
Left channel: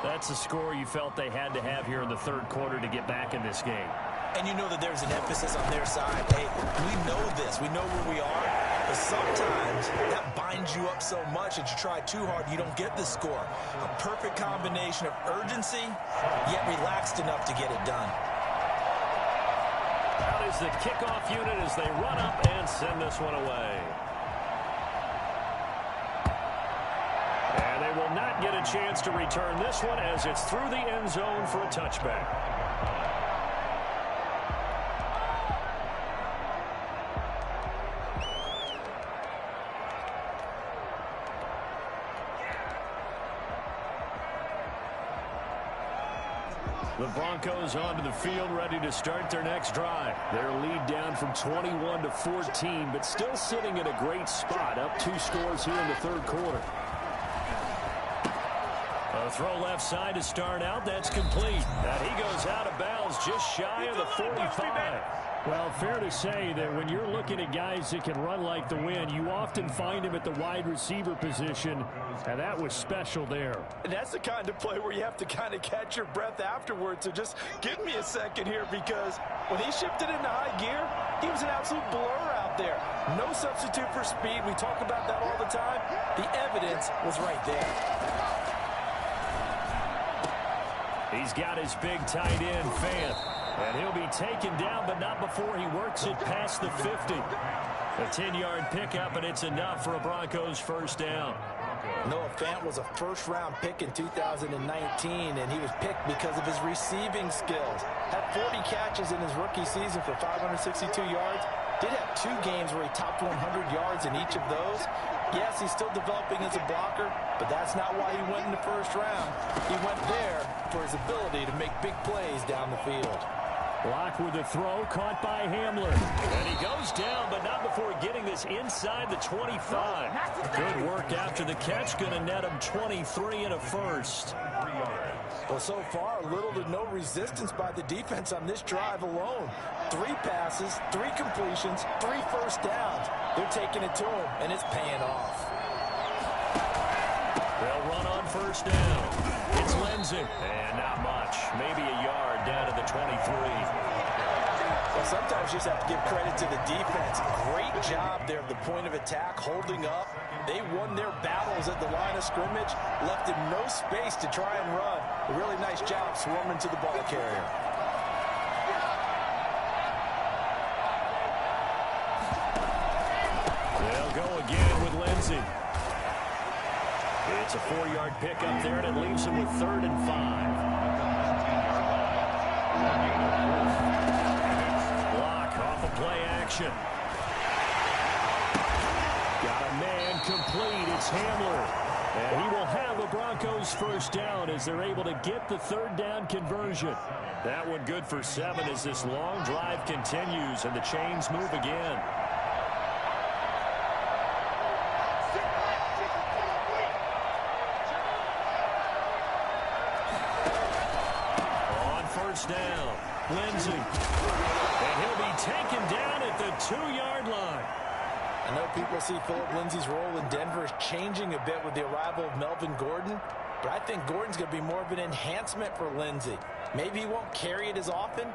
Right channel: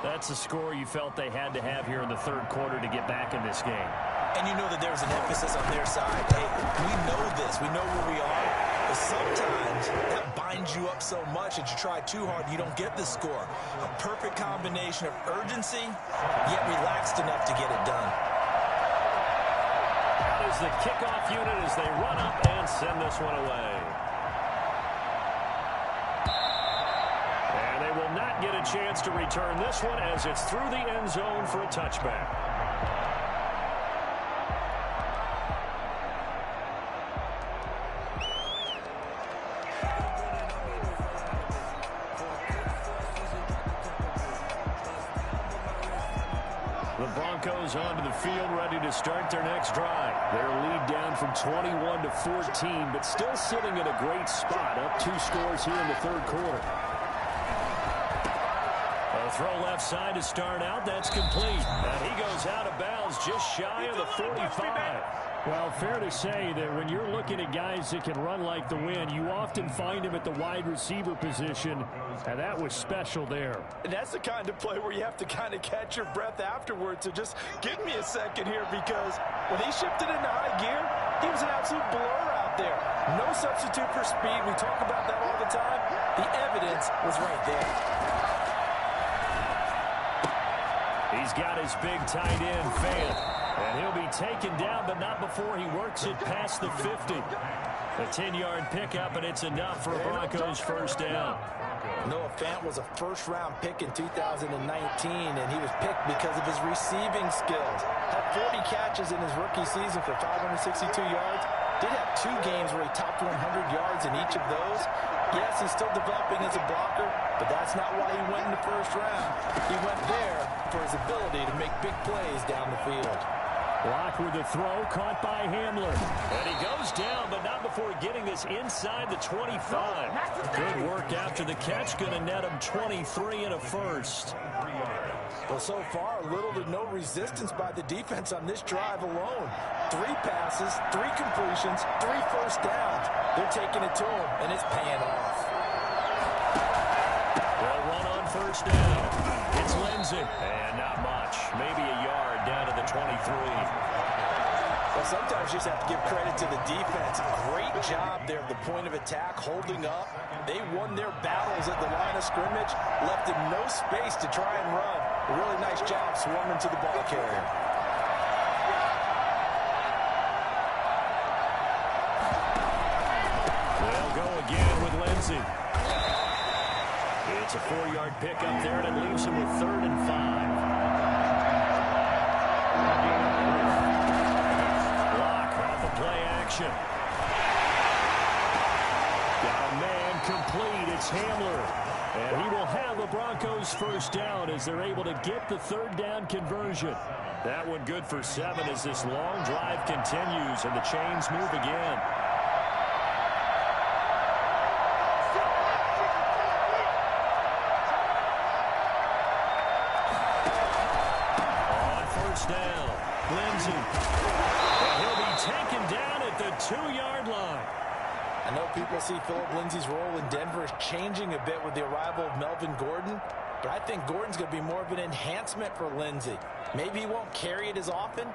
That's the score you felt they had to have here in the 3rd quarter to get back in this game. And you know that there was an emphasis on their side. Hey, we know this. We know where we are. But sometimes that binds you up so much that you try too hard, you don't get the score. A perfect combination of urgency, yet relaxed enough to get it done. Out is the kickoff unit as they run up and send this one away. And they will not get a chance to return this one as it's through the end zone for a touchback. The Broncos onto the field, ready to start their next drive. Their lead down from 21 to 14, but still sitting in a great spot, up 2 scores here in the 3rd quarter. A throw left side to start out. That's complete. And he goes out of bounds just shy of the 45. Well, fair to say that when you're looking at guys that can run like the wind, you often find him at the wide receiver position, and that was special there. And that's the kind of play where you have to kind of catch your breath afterwards. So just give me a second here, because when he shifted into high gear, he was an absolute blur out there. No substitute for speed. We talk about that all the time. The evidence was right there. He's got his big tight end, Fant. And he'll be taken down, but not before he works it past the 50. A 10-yard pickup, and it's enough for a Broncos first down. Noah Fant was a first-round pick in 2019, and he was picked because of his receiving skills. Had 40 catches in his rookie season for 562 yards. Did have 2 games where he topped 100 yards in each of those. Yes, he's still developing as a blocker, but that's not why he went in the first round. He went there for his ability to make big plays down the field. Block with the throw, caught by Hamler. And he goes down, but not before getting this inside the 25. Good work after the catch, going to net him 23 and a first. Well, so far, little to no resistance by the defense on this drive alone. 3 passes, 3 completions, 3 first downs. They're taking it to him, and it's paying off. They'll run on first down. It's Lindsey. And not much. Maybe a yard down to the 23. Well, sometimes you just have to give credit to the defense. Great job there at the point of attack, holding up. They won their battles at the line of scrimmage, left him no space to try and run. A really nice job swarming to the ball carrier. They'll go again with Lindsey. It's a 4-yard pickup there, and it leaves him with 3rd and 5. Block off a play action. Got a man complete. It's Hamler. And he will have a Broncos first down as they're able to get the 3rd down conversion. That one good for 7 as this long drive continues and the chains move again. Down, Lindsey, and he'll be taken down at the 2-yard line. I know people see Philip Lindsay's role in Denver is changing a bit with the arrival of Melvin Gordon, but I think Gordon's going to be more of an enhancement for Lindsey. Maybe he won't carry it as often,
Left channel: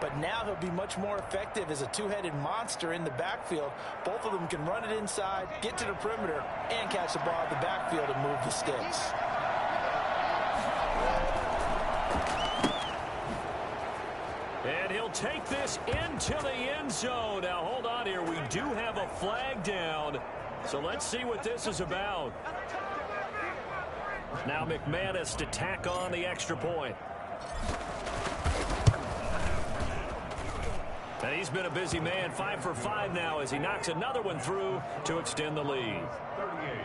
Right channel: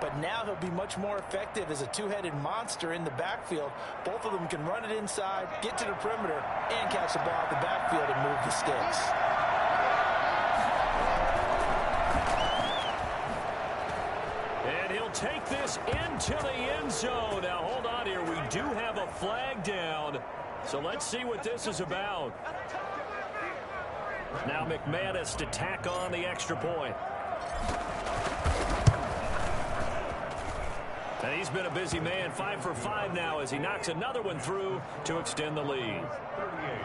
but now he'll be much more effective as a 2-headed monster in the backfield. Both of them can run it inside, get to the perimeter, and catch the ball out the backfield and move the sticks. And he'll take this into the end zone. Now, hold on here. We do have a flag down. So let's see what this is about. Now McManus to tack on the extra point. And he's been a busy man. 5 for 5 now as he knocks another one through to extend the lead. 38,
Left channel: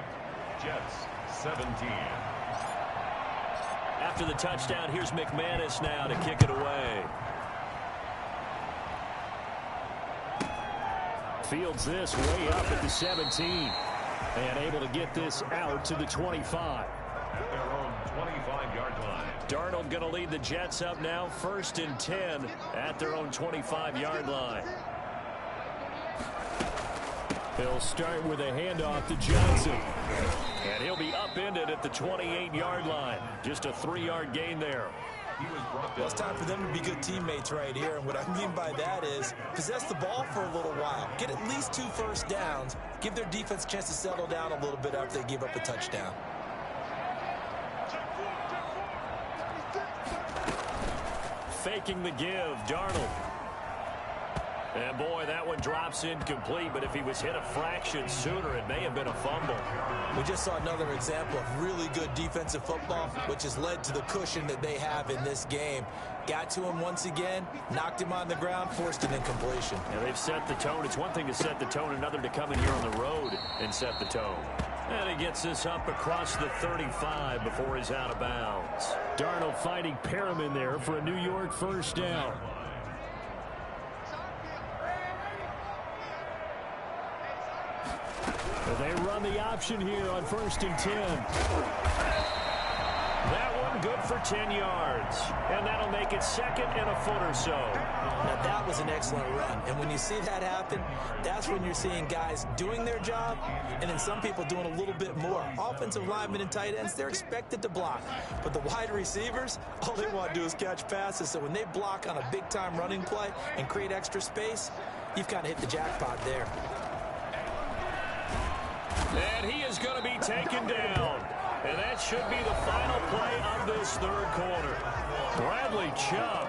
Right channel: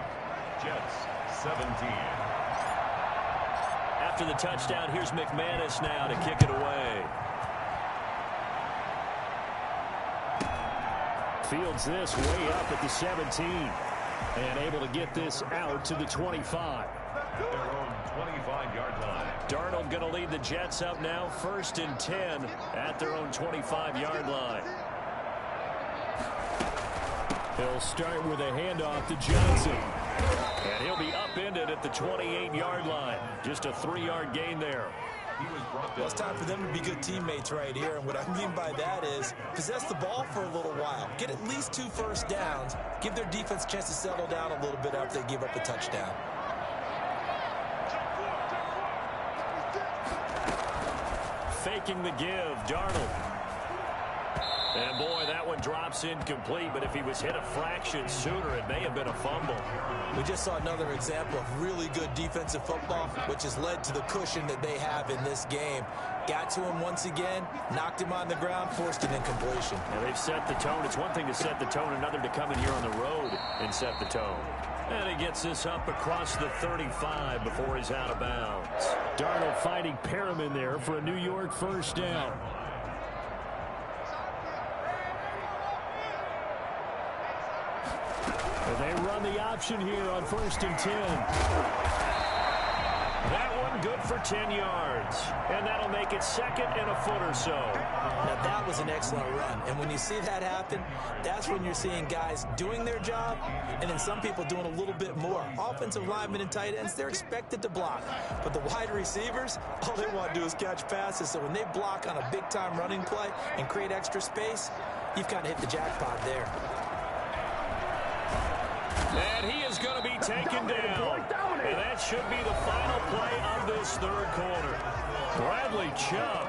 Jets 17. After the touchdown, here's McManus now to kick it away. Fields this way up at the 17 and able to get this out to the 25. At their own 25-yard line. Darnold going to lead the Jets up now, 1st and 10 at their own 25-yard line. He'll start with a handoff to Johnson. And he'll be upended at the 28-yard line. Just a 3-yard gain there. Well, it's time for them to be good teammates right here, and what I mean by that is possess the ball for a little while, get at least 2 first downs, give their defense a chance to settle down a little bit after they give up a touchdown. Faking the give, Darnold. And boy, that one drops incomplete, but if he was hit a fraction sooner, it may have been a fumble. We just saw another example of really good defensive football, which has led to the cushion that they have in this game. Got to him once again, knocked him on the ground, forced an incompletion. Yeah, they've set the tone. It's one thing to set the tone, another to come in here on the road and set the tone. And he gets this up across the 35 before he's out of bounds. Darnold finding Perriman there for a New York first down. They run the option here on 1st and 10. That one good for 10 yards. And that'll make it 2nd and a foot or so. Now that was an excellent run. And when you see that happen, that's when you're seeing guys doing their job and then some people doing a little bit more. Offensive linemen and tight ends, they're expected to block. But the wide receivers, all they want to do is catch passes. So when they block on a big-time running play and create extra space, you've kind of hit the jackpot there. And he is going to be taken down. And that should be the final play of this 3rd quarter. Bradley Chubb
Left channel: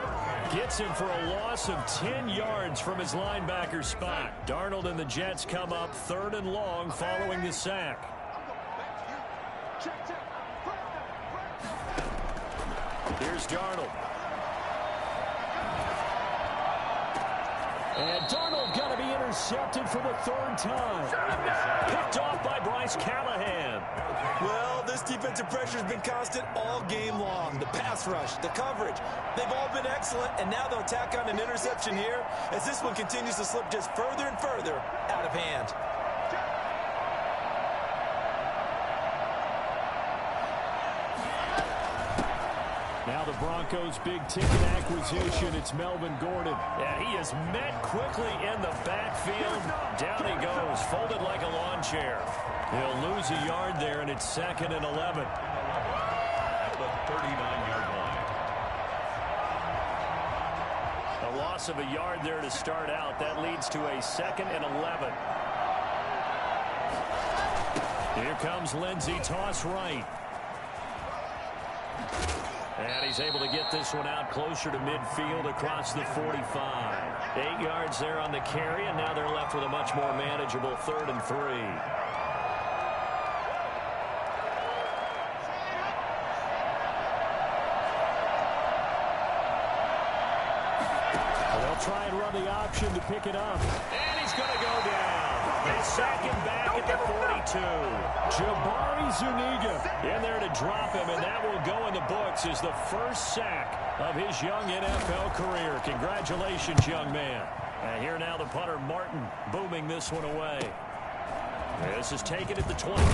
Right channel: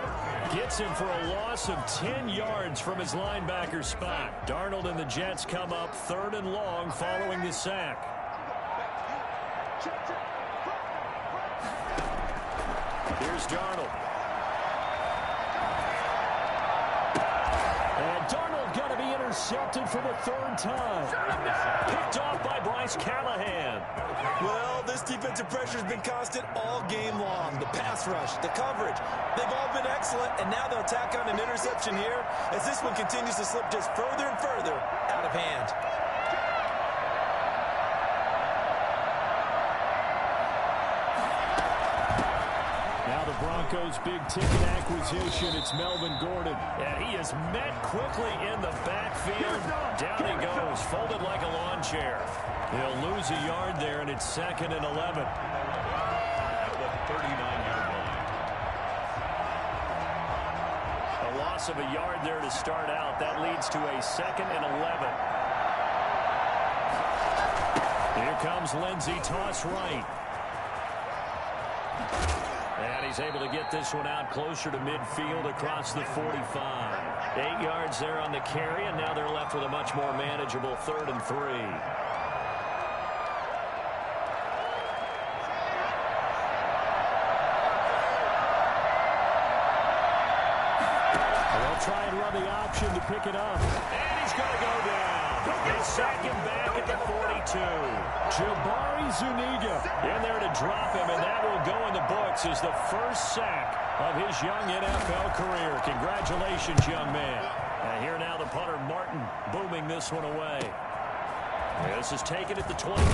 gets him for a loss of 10 yards from his linebacker spot. Darnold and the Jets come up 3rd and long following the sack. Here's Darnold. And Darnold going to be intercepted for the third time. Picked off by Bryce Callahan. Well, this defensive pressure has been constant all game long. The pass rush, the coverage, they've all been excellent, and now they'll tack on an interception here as this one continues to slip just further and further out of hand. Now the Broncos' big-ticket acquisition, it's Melvin Gordon. And he is met quickly in the backfield. Down he goes, folded like a lawn chair. He'll lose a yard there, and it's 2nd and 11. At the 39-yard line. A loss of a yard there to start out. That leads to a 2nd and 11. Here comes Lindsey, toss right. And he's able to get this one out closer to midfield across the 45. 8 yards there on the carry, and now they're left with a much more manageable 3rd and 3. They'll try and run the option to pick it up. And he's going to go down. They sack him back at the 42. Jabari Zuniga in there to drop him, and that will go in the books as the first sack of his young NFL career. Congratulations, young man. And here now the punter, Martin, booming this one away. This is taken at the 23.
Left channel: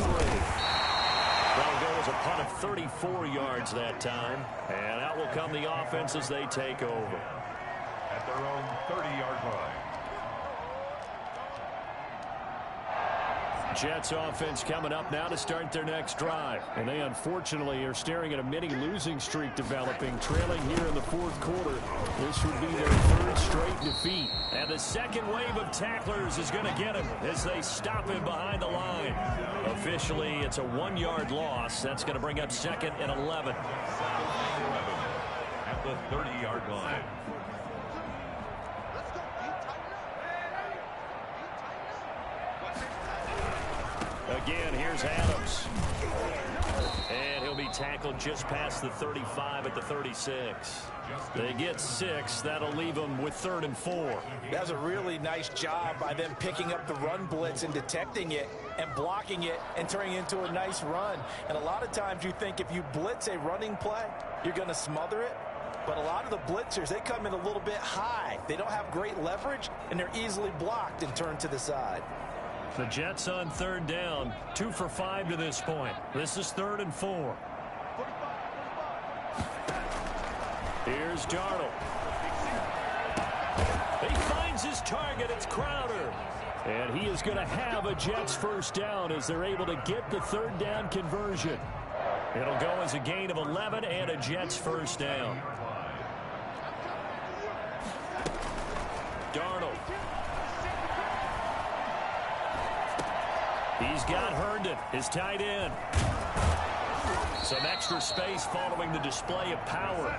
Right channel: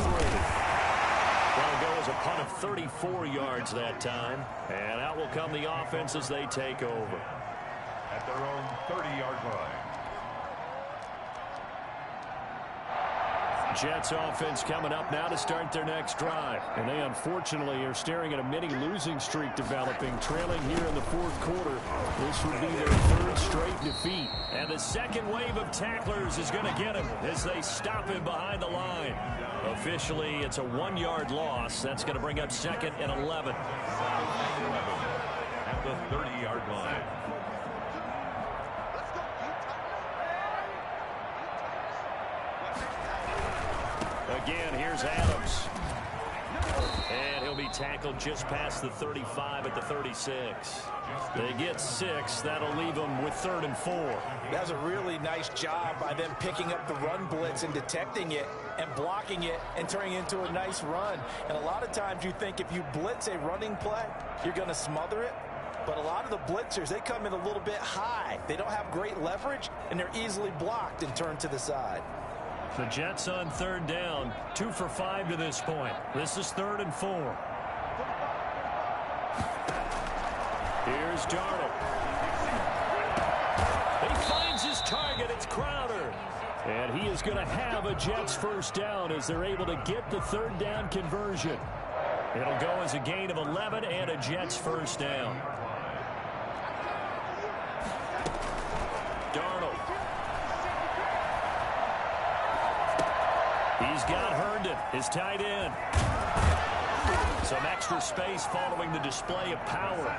That'll go as a punt of 34 yards that time. And out will come the offense as they take over. At their own 30-yard line. Jets offense coming up now to start their next drive. And they unfortunately are staring at a mini losing streak developing, trailing here in the 4th quarter. This would be their 3rd straight defeat. And the second wave of tacklers is going to get him as they stop him behind the line. Officially, it's a 1-yard loss. That's going to bring up 2nd and 11. At the 30-yard line. Again, here's Adams. And he'll be tackled just past the 35 at the 36. They get 6. That'll leave them with 3rd and 4. That was a really nice job by them picking up the run blitz and detecting it and blocking it and turning it into a nice run. And a lot of times you think if you blitz a running play, you're going to smother it. But a lot of the blitzers, they come in a little bit high. They don't have great leverage, and they're easily blocked and turned to the side. The Jets on 3rd down, 2 for 5 to this point. This is 3rd and 4. Here's Darnold. He finds his target. It's Crowder. And he is going to have a Jets first down as they're able to get the 3rd down conversion. It'll go as a gain of 11 and a Jets first down. Darnold. He's got Herndon, his tight end. Some extra space following the display of power.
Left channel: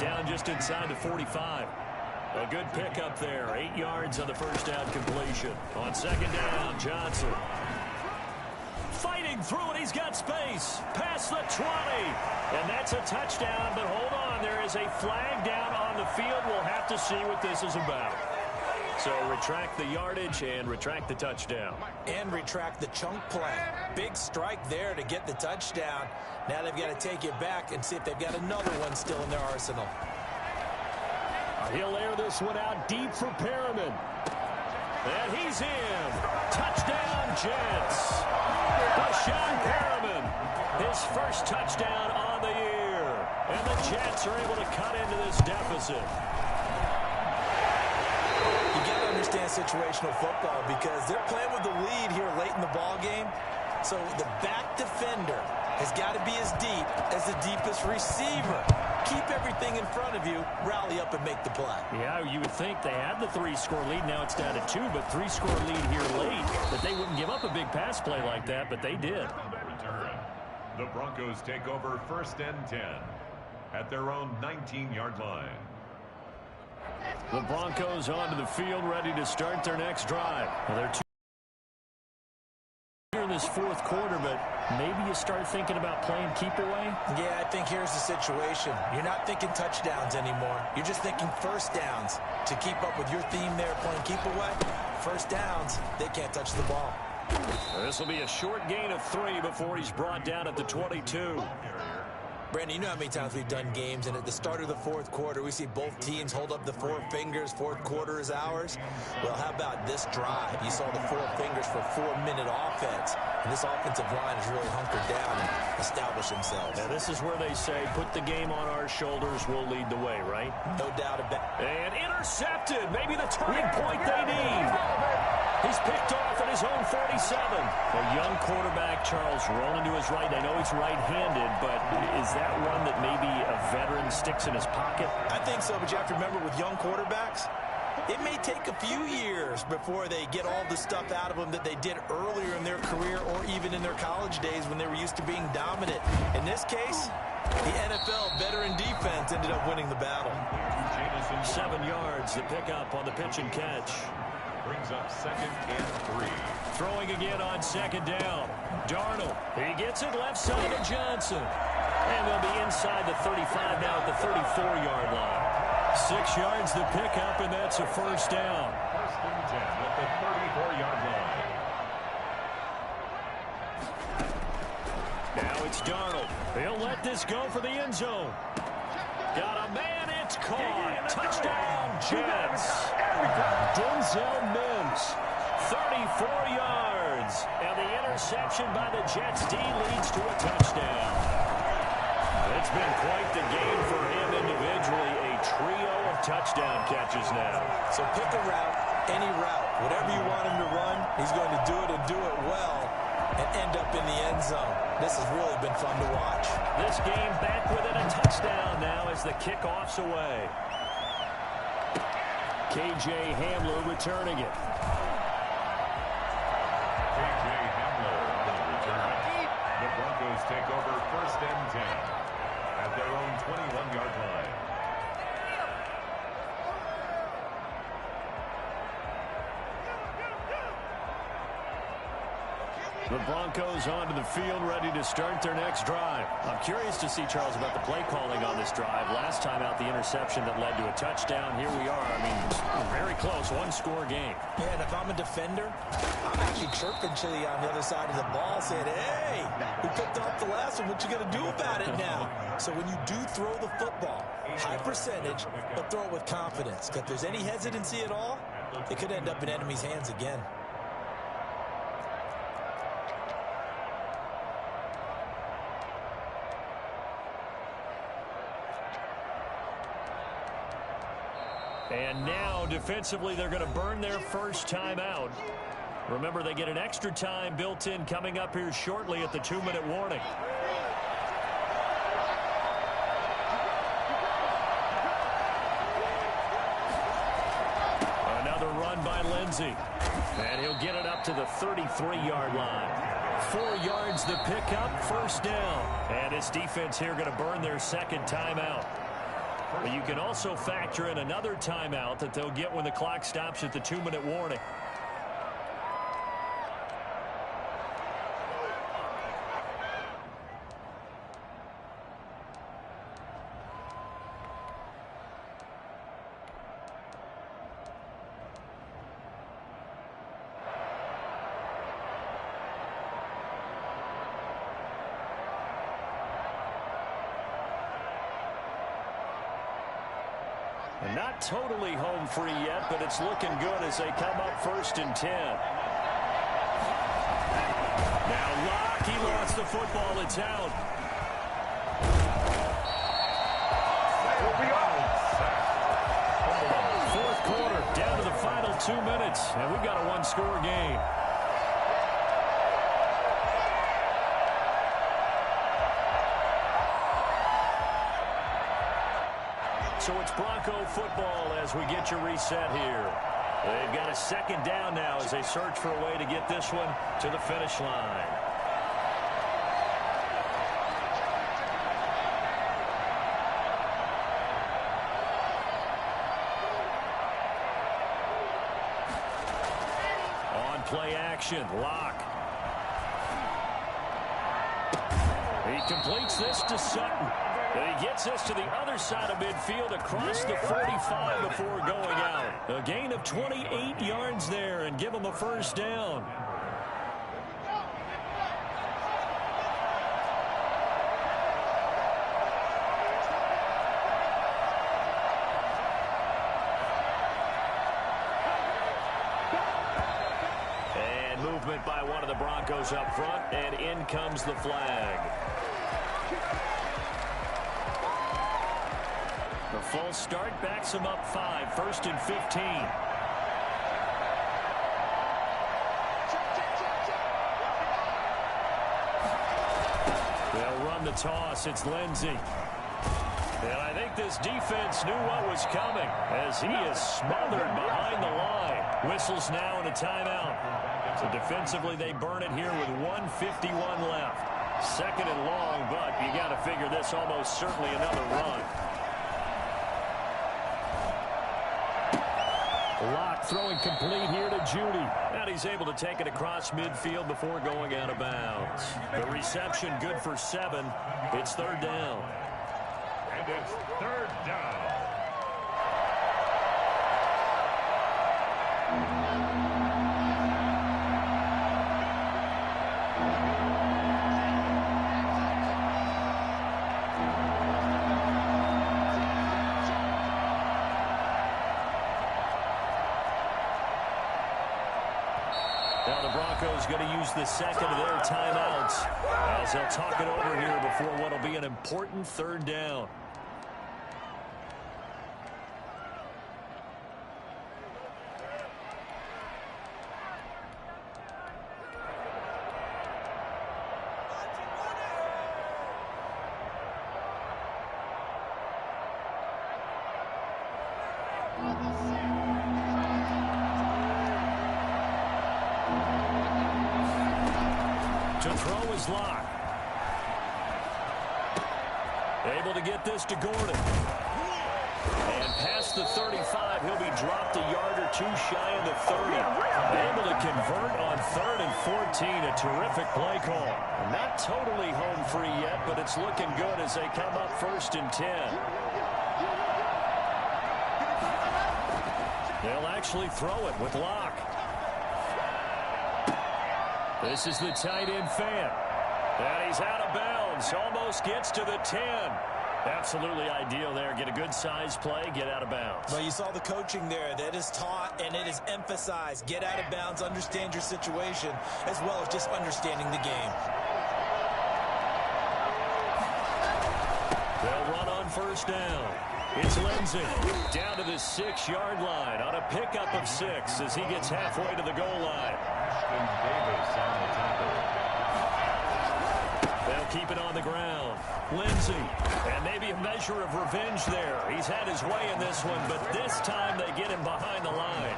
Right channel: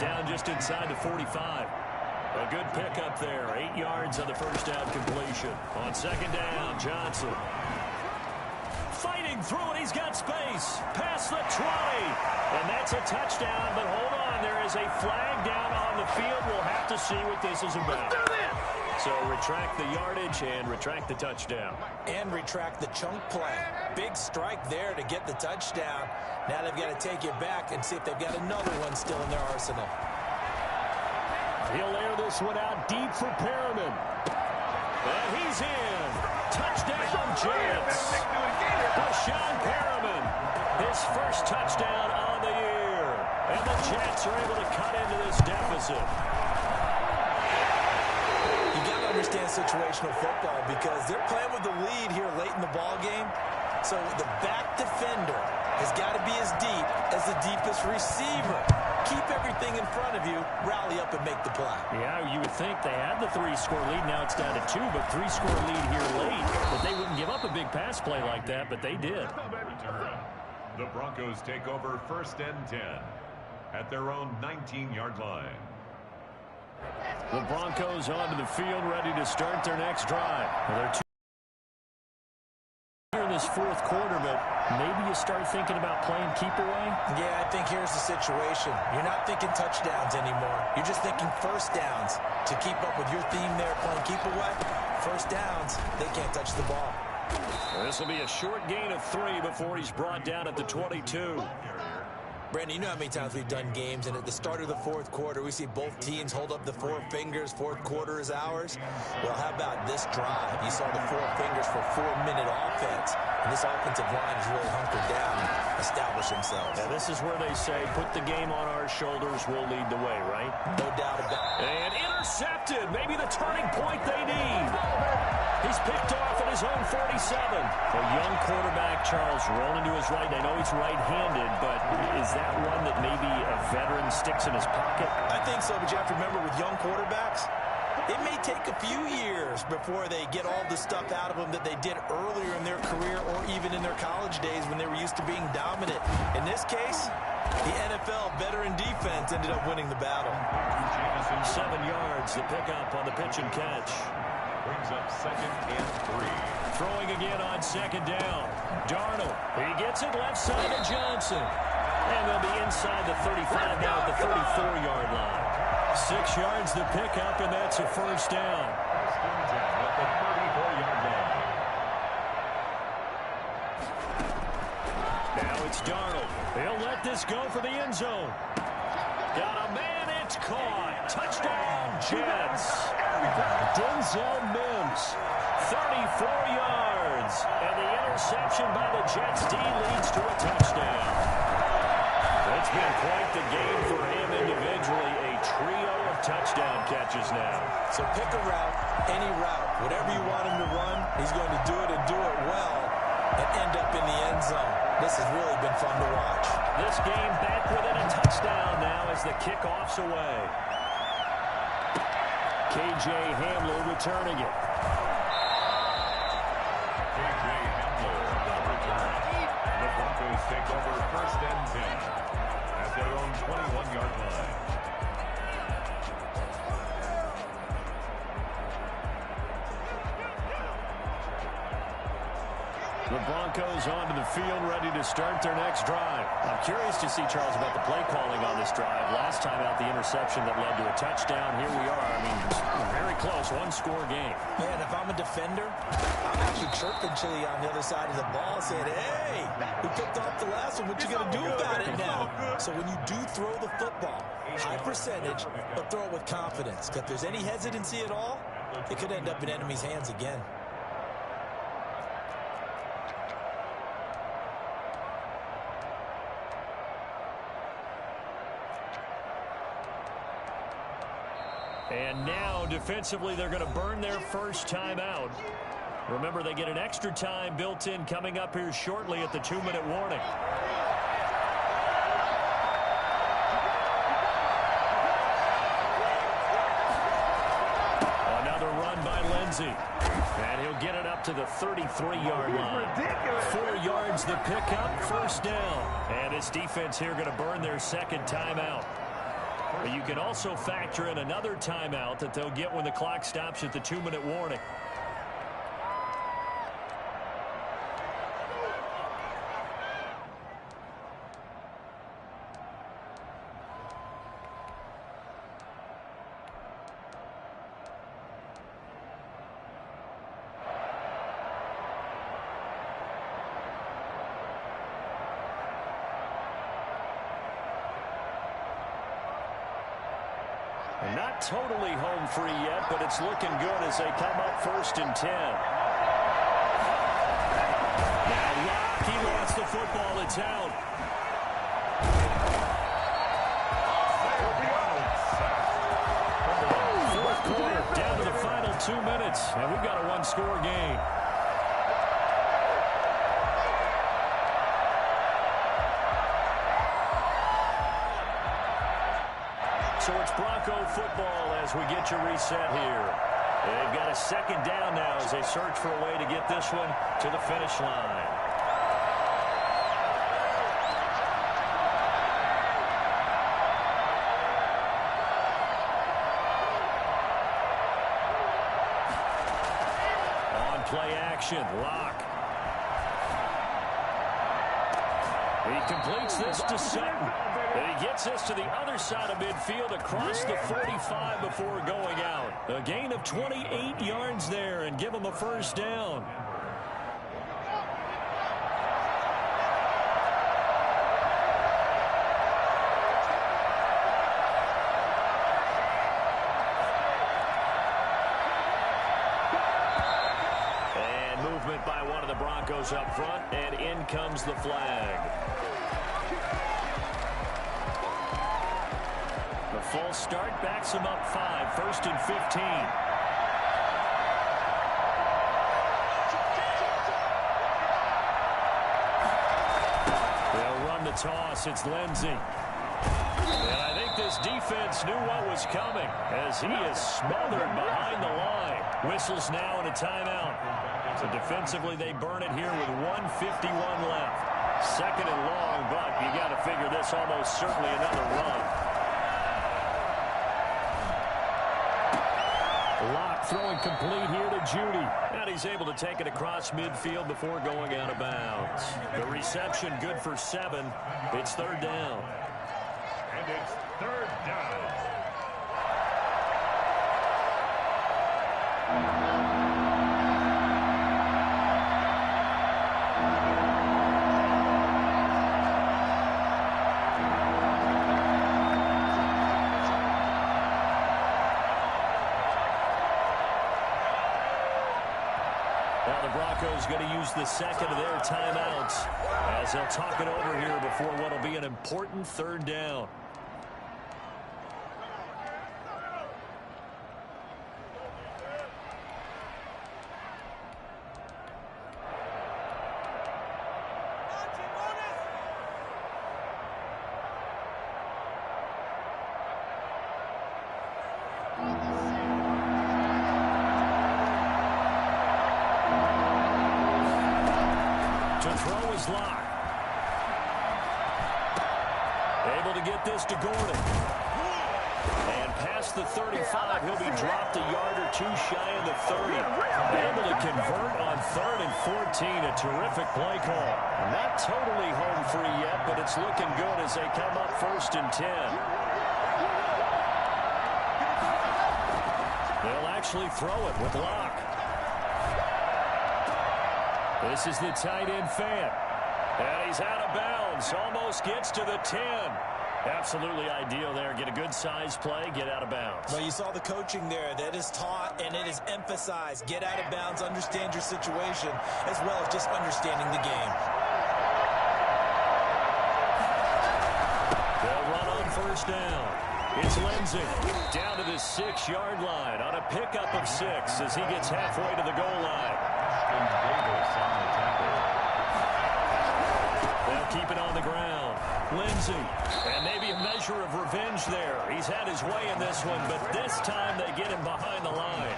Down just inside the 45. A good pickup there. 8 yards on the first down completion. On 2nd down, Johnson. Fighting through it. He's got space. Past the 20. And that's a touchdown. But hold on. There is a flag down on the field. We'll have to see what this is about. So retract the yardage and retract the touchdown. And retract the chunk play. Big strike there to get the touchdown. Now they've got to take it back and see if they've got another one still in their arsenal. He'll air this one out deep for Perriman. And he's in. Touchdown, Jets. Rashawn Perriman, his first touchdown on the year. And the Jets are able to cut into this deficit. You got to understand situational football because they're playing with the lead here late in the ball game. So the back defender has got to be as deep as the deepest receiver. Keep everything in front of you, rally up and make the play. Yeah, you would think they had the 3-score lead. Now it's down to 2, but 3-score lead here late. That they wouldn't give up a big pass play like that, but they did. The Broncos take over 1st and 10 at their own 19-yard line. The Broncos onto the field, ready to start their next drive. Now they're 2 here in the fourth quarter, but maybe you start thinking about playing keep away? Yeah, I think here's the situation. You're not thinking touchdowns anymore. You're just thinking first downs. To keep up with your theme there playing keep away, first downs, they can't touch the ball. This will be a short gain of 3 before he's brought down at the 22. Brandon, you know how many times we've done games, and at the start of the fourth quarter, we see both teams hold up the 4 fingers, fourth quarter is ours. Well, how about this drive? You saw the 4 fingers for 4-minute offense, and this offensive line has really hunkered down and established themselves. Now, this is where they say, put the game on our shoulders, we'll lead the way, right? No doubt about it. And intercepted, maybe the turning point they need. He's picked off at his own 47. A young quarterback, Charles, rolling to his right. I know he's right-handed, but is that one that maybe a veteran sticks in his pocket? I think so, but you have to remember with young quarterbacks, it may take a few years before they get all the stuff out of them that they did earlier in their career or even in their college days when they were used to being dominant. In this case, the NFL veteran defense ended up winning the battle. 7 yards, the pickup on the pitch and catch. Brings up 2nd and 3. Throwing again on 2nd down. Darnold, he gets it left side of Johnson. And they'll be inside the 35 now at the 34-yard line. 6 yards the pickup, and that's a first down. 1st and 10 at the 34-yard line. Now it's Darnold. He'll let this go for the end zone. Got a man, it's caught. Touchdown, Jets. Denzel Mims, 34 yards. And the interception by the Jets D leads to a touchdown. It's been quite the game for him individually. A trio of touchdown catches now. So pick a route, any route. Whatever you want him to run, he's going to do it and do it well and end up in the end zone. This has really been fun to watch. This game back within a touchdown now as the kickoff's away. K.J. Hamler returning it. K.J. Hamler on the return. The Broncos take over 1st and 10 at their own 21-yard line. The Broncos onto the field, ready to start their next drive. I'm curious to see, Charles, about the play calling on this drive. Last time out, the interception that led to a touchdown. Here we are. I mean, very close, one-score game. Yeah, and if I'm a defender, I'm actually chirping to you on the other side of the ball saying, hey, we picked off the last one. What you going to do about it now? So when you do throw the football, high percentage, but throw it with confidence. If there's any hesitancy at all, it could end up in enemy's hands again. And now, defensively, they're going to burn their first time out. Remember, they get an extra time built in coming up here shortly at the 2-minute warning. Another run by Lindsey. And he'll get it up to the 33-yard line. 4 yards the pickup, first down. And this defense here going to burn their second timeout. But you can also factor in another timeout that they'll get when the clock stops at the 2-minute warning. And not totally home free yet, but it's looking good as they come up 1st and 10. Now Locke, he lost the football. It's out. Fourth quarter, down to the final 2 minutes, and we've got a one-score game. So it's Bronco football as we get you reset here. They've got a second down now as they search for a way to get this one to the finish line. On play action, Locke. He completes this to Sutton. And he gets this to the other side of midfield across the 45 before going out. A gain of 28 yards there and give him a first down. And movement by one of the Broncos up front, and in comes the flag. The false start backs him up 5, 1st and 15. They'll run the toss. It's Lindsey. And I think this defense knew what was coming as he is smothered behind the line. Whistles now and a timeout. So defensively they burn it here with 1:51 left. 2nd and long, but you got to figure this almost certainly another run. Locke throwing complete here to Judy. And he's able to take it across midfield before going out of bounds. The reception good for 7. It's 3rd down. And it's 3rd down. Now the Broncos going to use the 2nd of their timeouts as they'll talk it over here before what will be an important 3rd down. To throw is Locke. Able to get this to Gordon. And past the 35, he'll be dropped a yard or 2 shy of the 30. Able to convert on 3rd and 14. A terrific play call. Not totally home free yet, but it's looking good as they come up 1st and 10. They'll actually throw it with Locke. This is the tight end fan. And he's out of bounds. Almost gets to the 10. Absolutely ideal there. Get a good size play, get out of bounds. Well, you saw the coaching there. That is taught and it is emphasized. Get out of bounds, understand your situation, as well as just understanding the game. They'll run on 1st down. It's Lindsey down to the 6-yard line on a pickup of 6 as he gets halfway to the goal line. Davis on the tackle. They'll keep it on the ground. Lindsey, and maybe a measure of revenge there. He's had his way in this one, but this time they get him behind the line.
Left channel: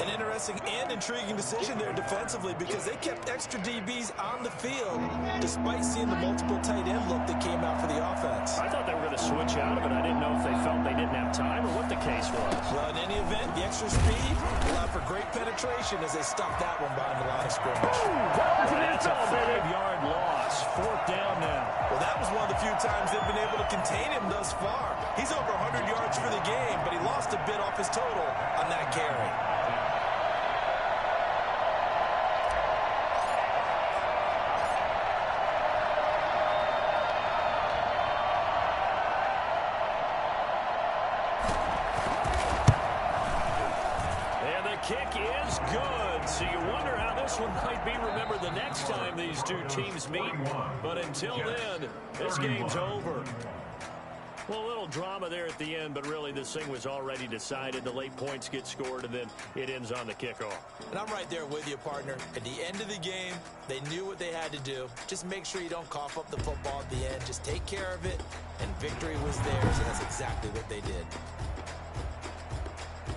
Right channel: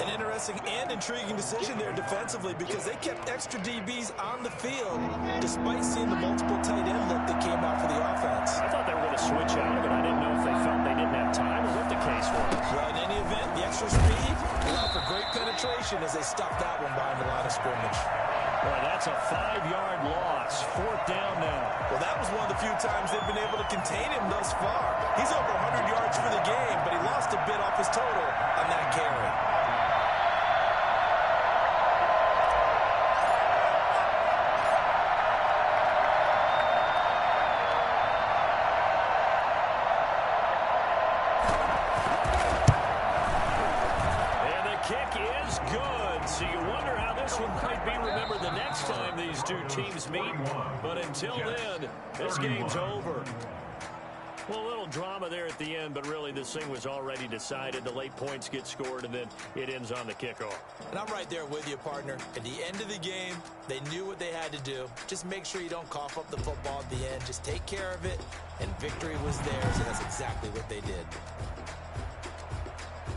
An interesting and intriguing decision there defensively because they kept extra DBs on the field despite seeing the multiple tight end look that came out for the offense. I thought they were going to switch out of it. I didn't know if they felt they didn't have time or what the case was. Well, in any event, the extra speed allowed for great penetration as they stuffed that one behind the line of scrimmage. Boy, that's a 5-yard loss. 4th down now. Well, that was one of the few times they've been able to contain him thus far. He's over 100 yards for the game, but he lost a bit off his total on that carry. Kick is good, so you wonder how this one might be remembered the next time these two teams meet. But until then, this game's over. Well, a little drama there at the end, but really this thing was already decided. The late points get scored, and then it ends on the kickoff. And I'm right there with you, partner. At the end of the game, they knew what they had to do. Just make sure you don't cough up the football at the end. Just take care of it, and victory was theirs, and that's exactly what they did.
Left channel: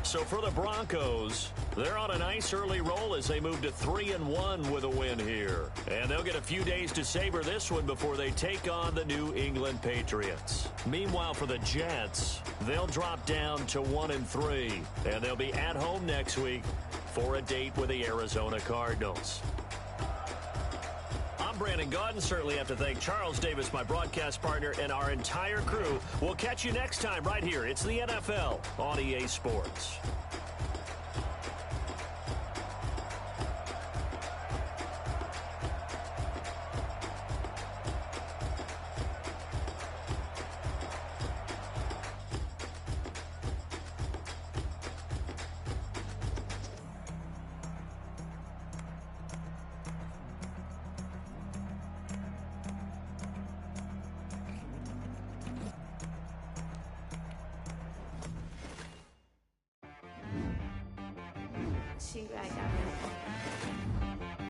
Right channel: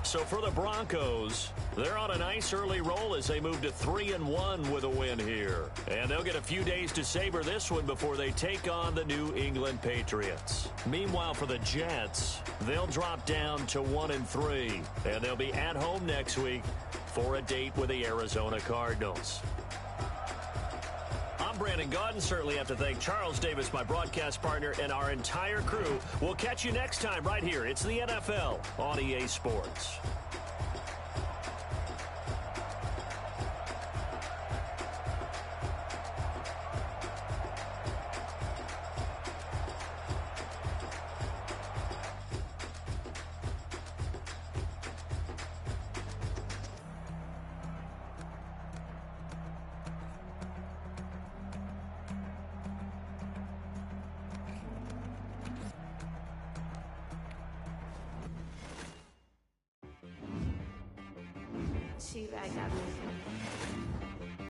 So for the Broncos, they're on a nice early roll as they move to 3-1 with a win here. And they'll get a few days to savor this one before they take on the New England Patriots. Meanwhile, for the Jets, they'll drop down to 1-3. And they'll be at home next week for a date with the Arizona Cardinals. I'm Brandon Gaudin. Certainly have to thank Charles Davis, my broadcast partner, and our entire crew. We'll catch you next time right here. It's the NFL on EA Sports. She back got me.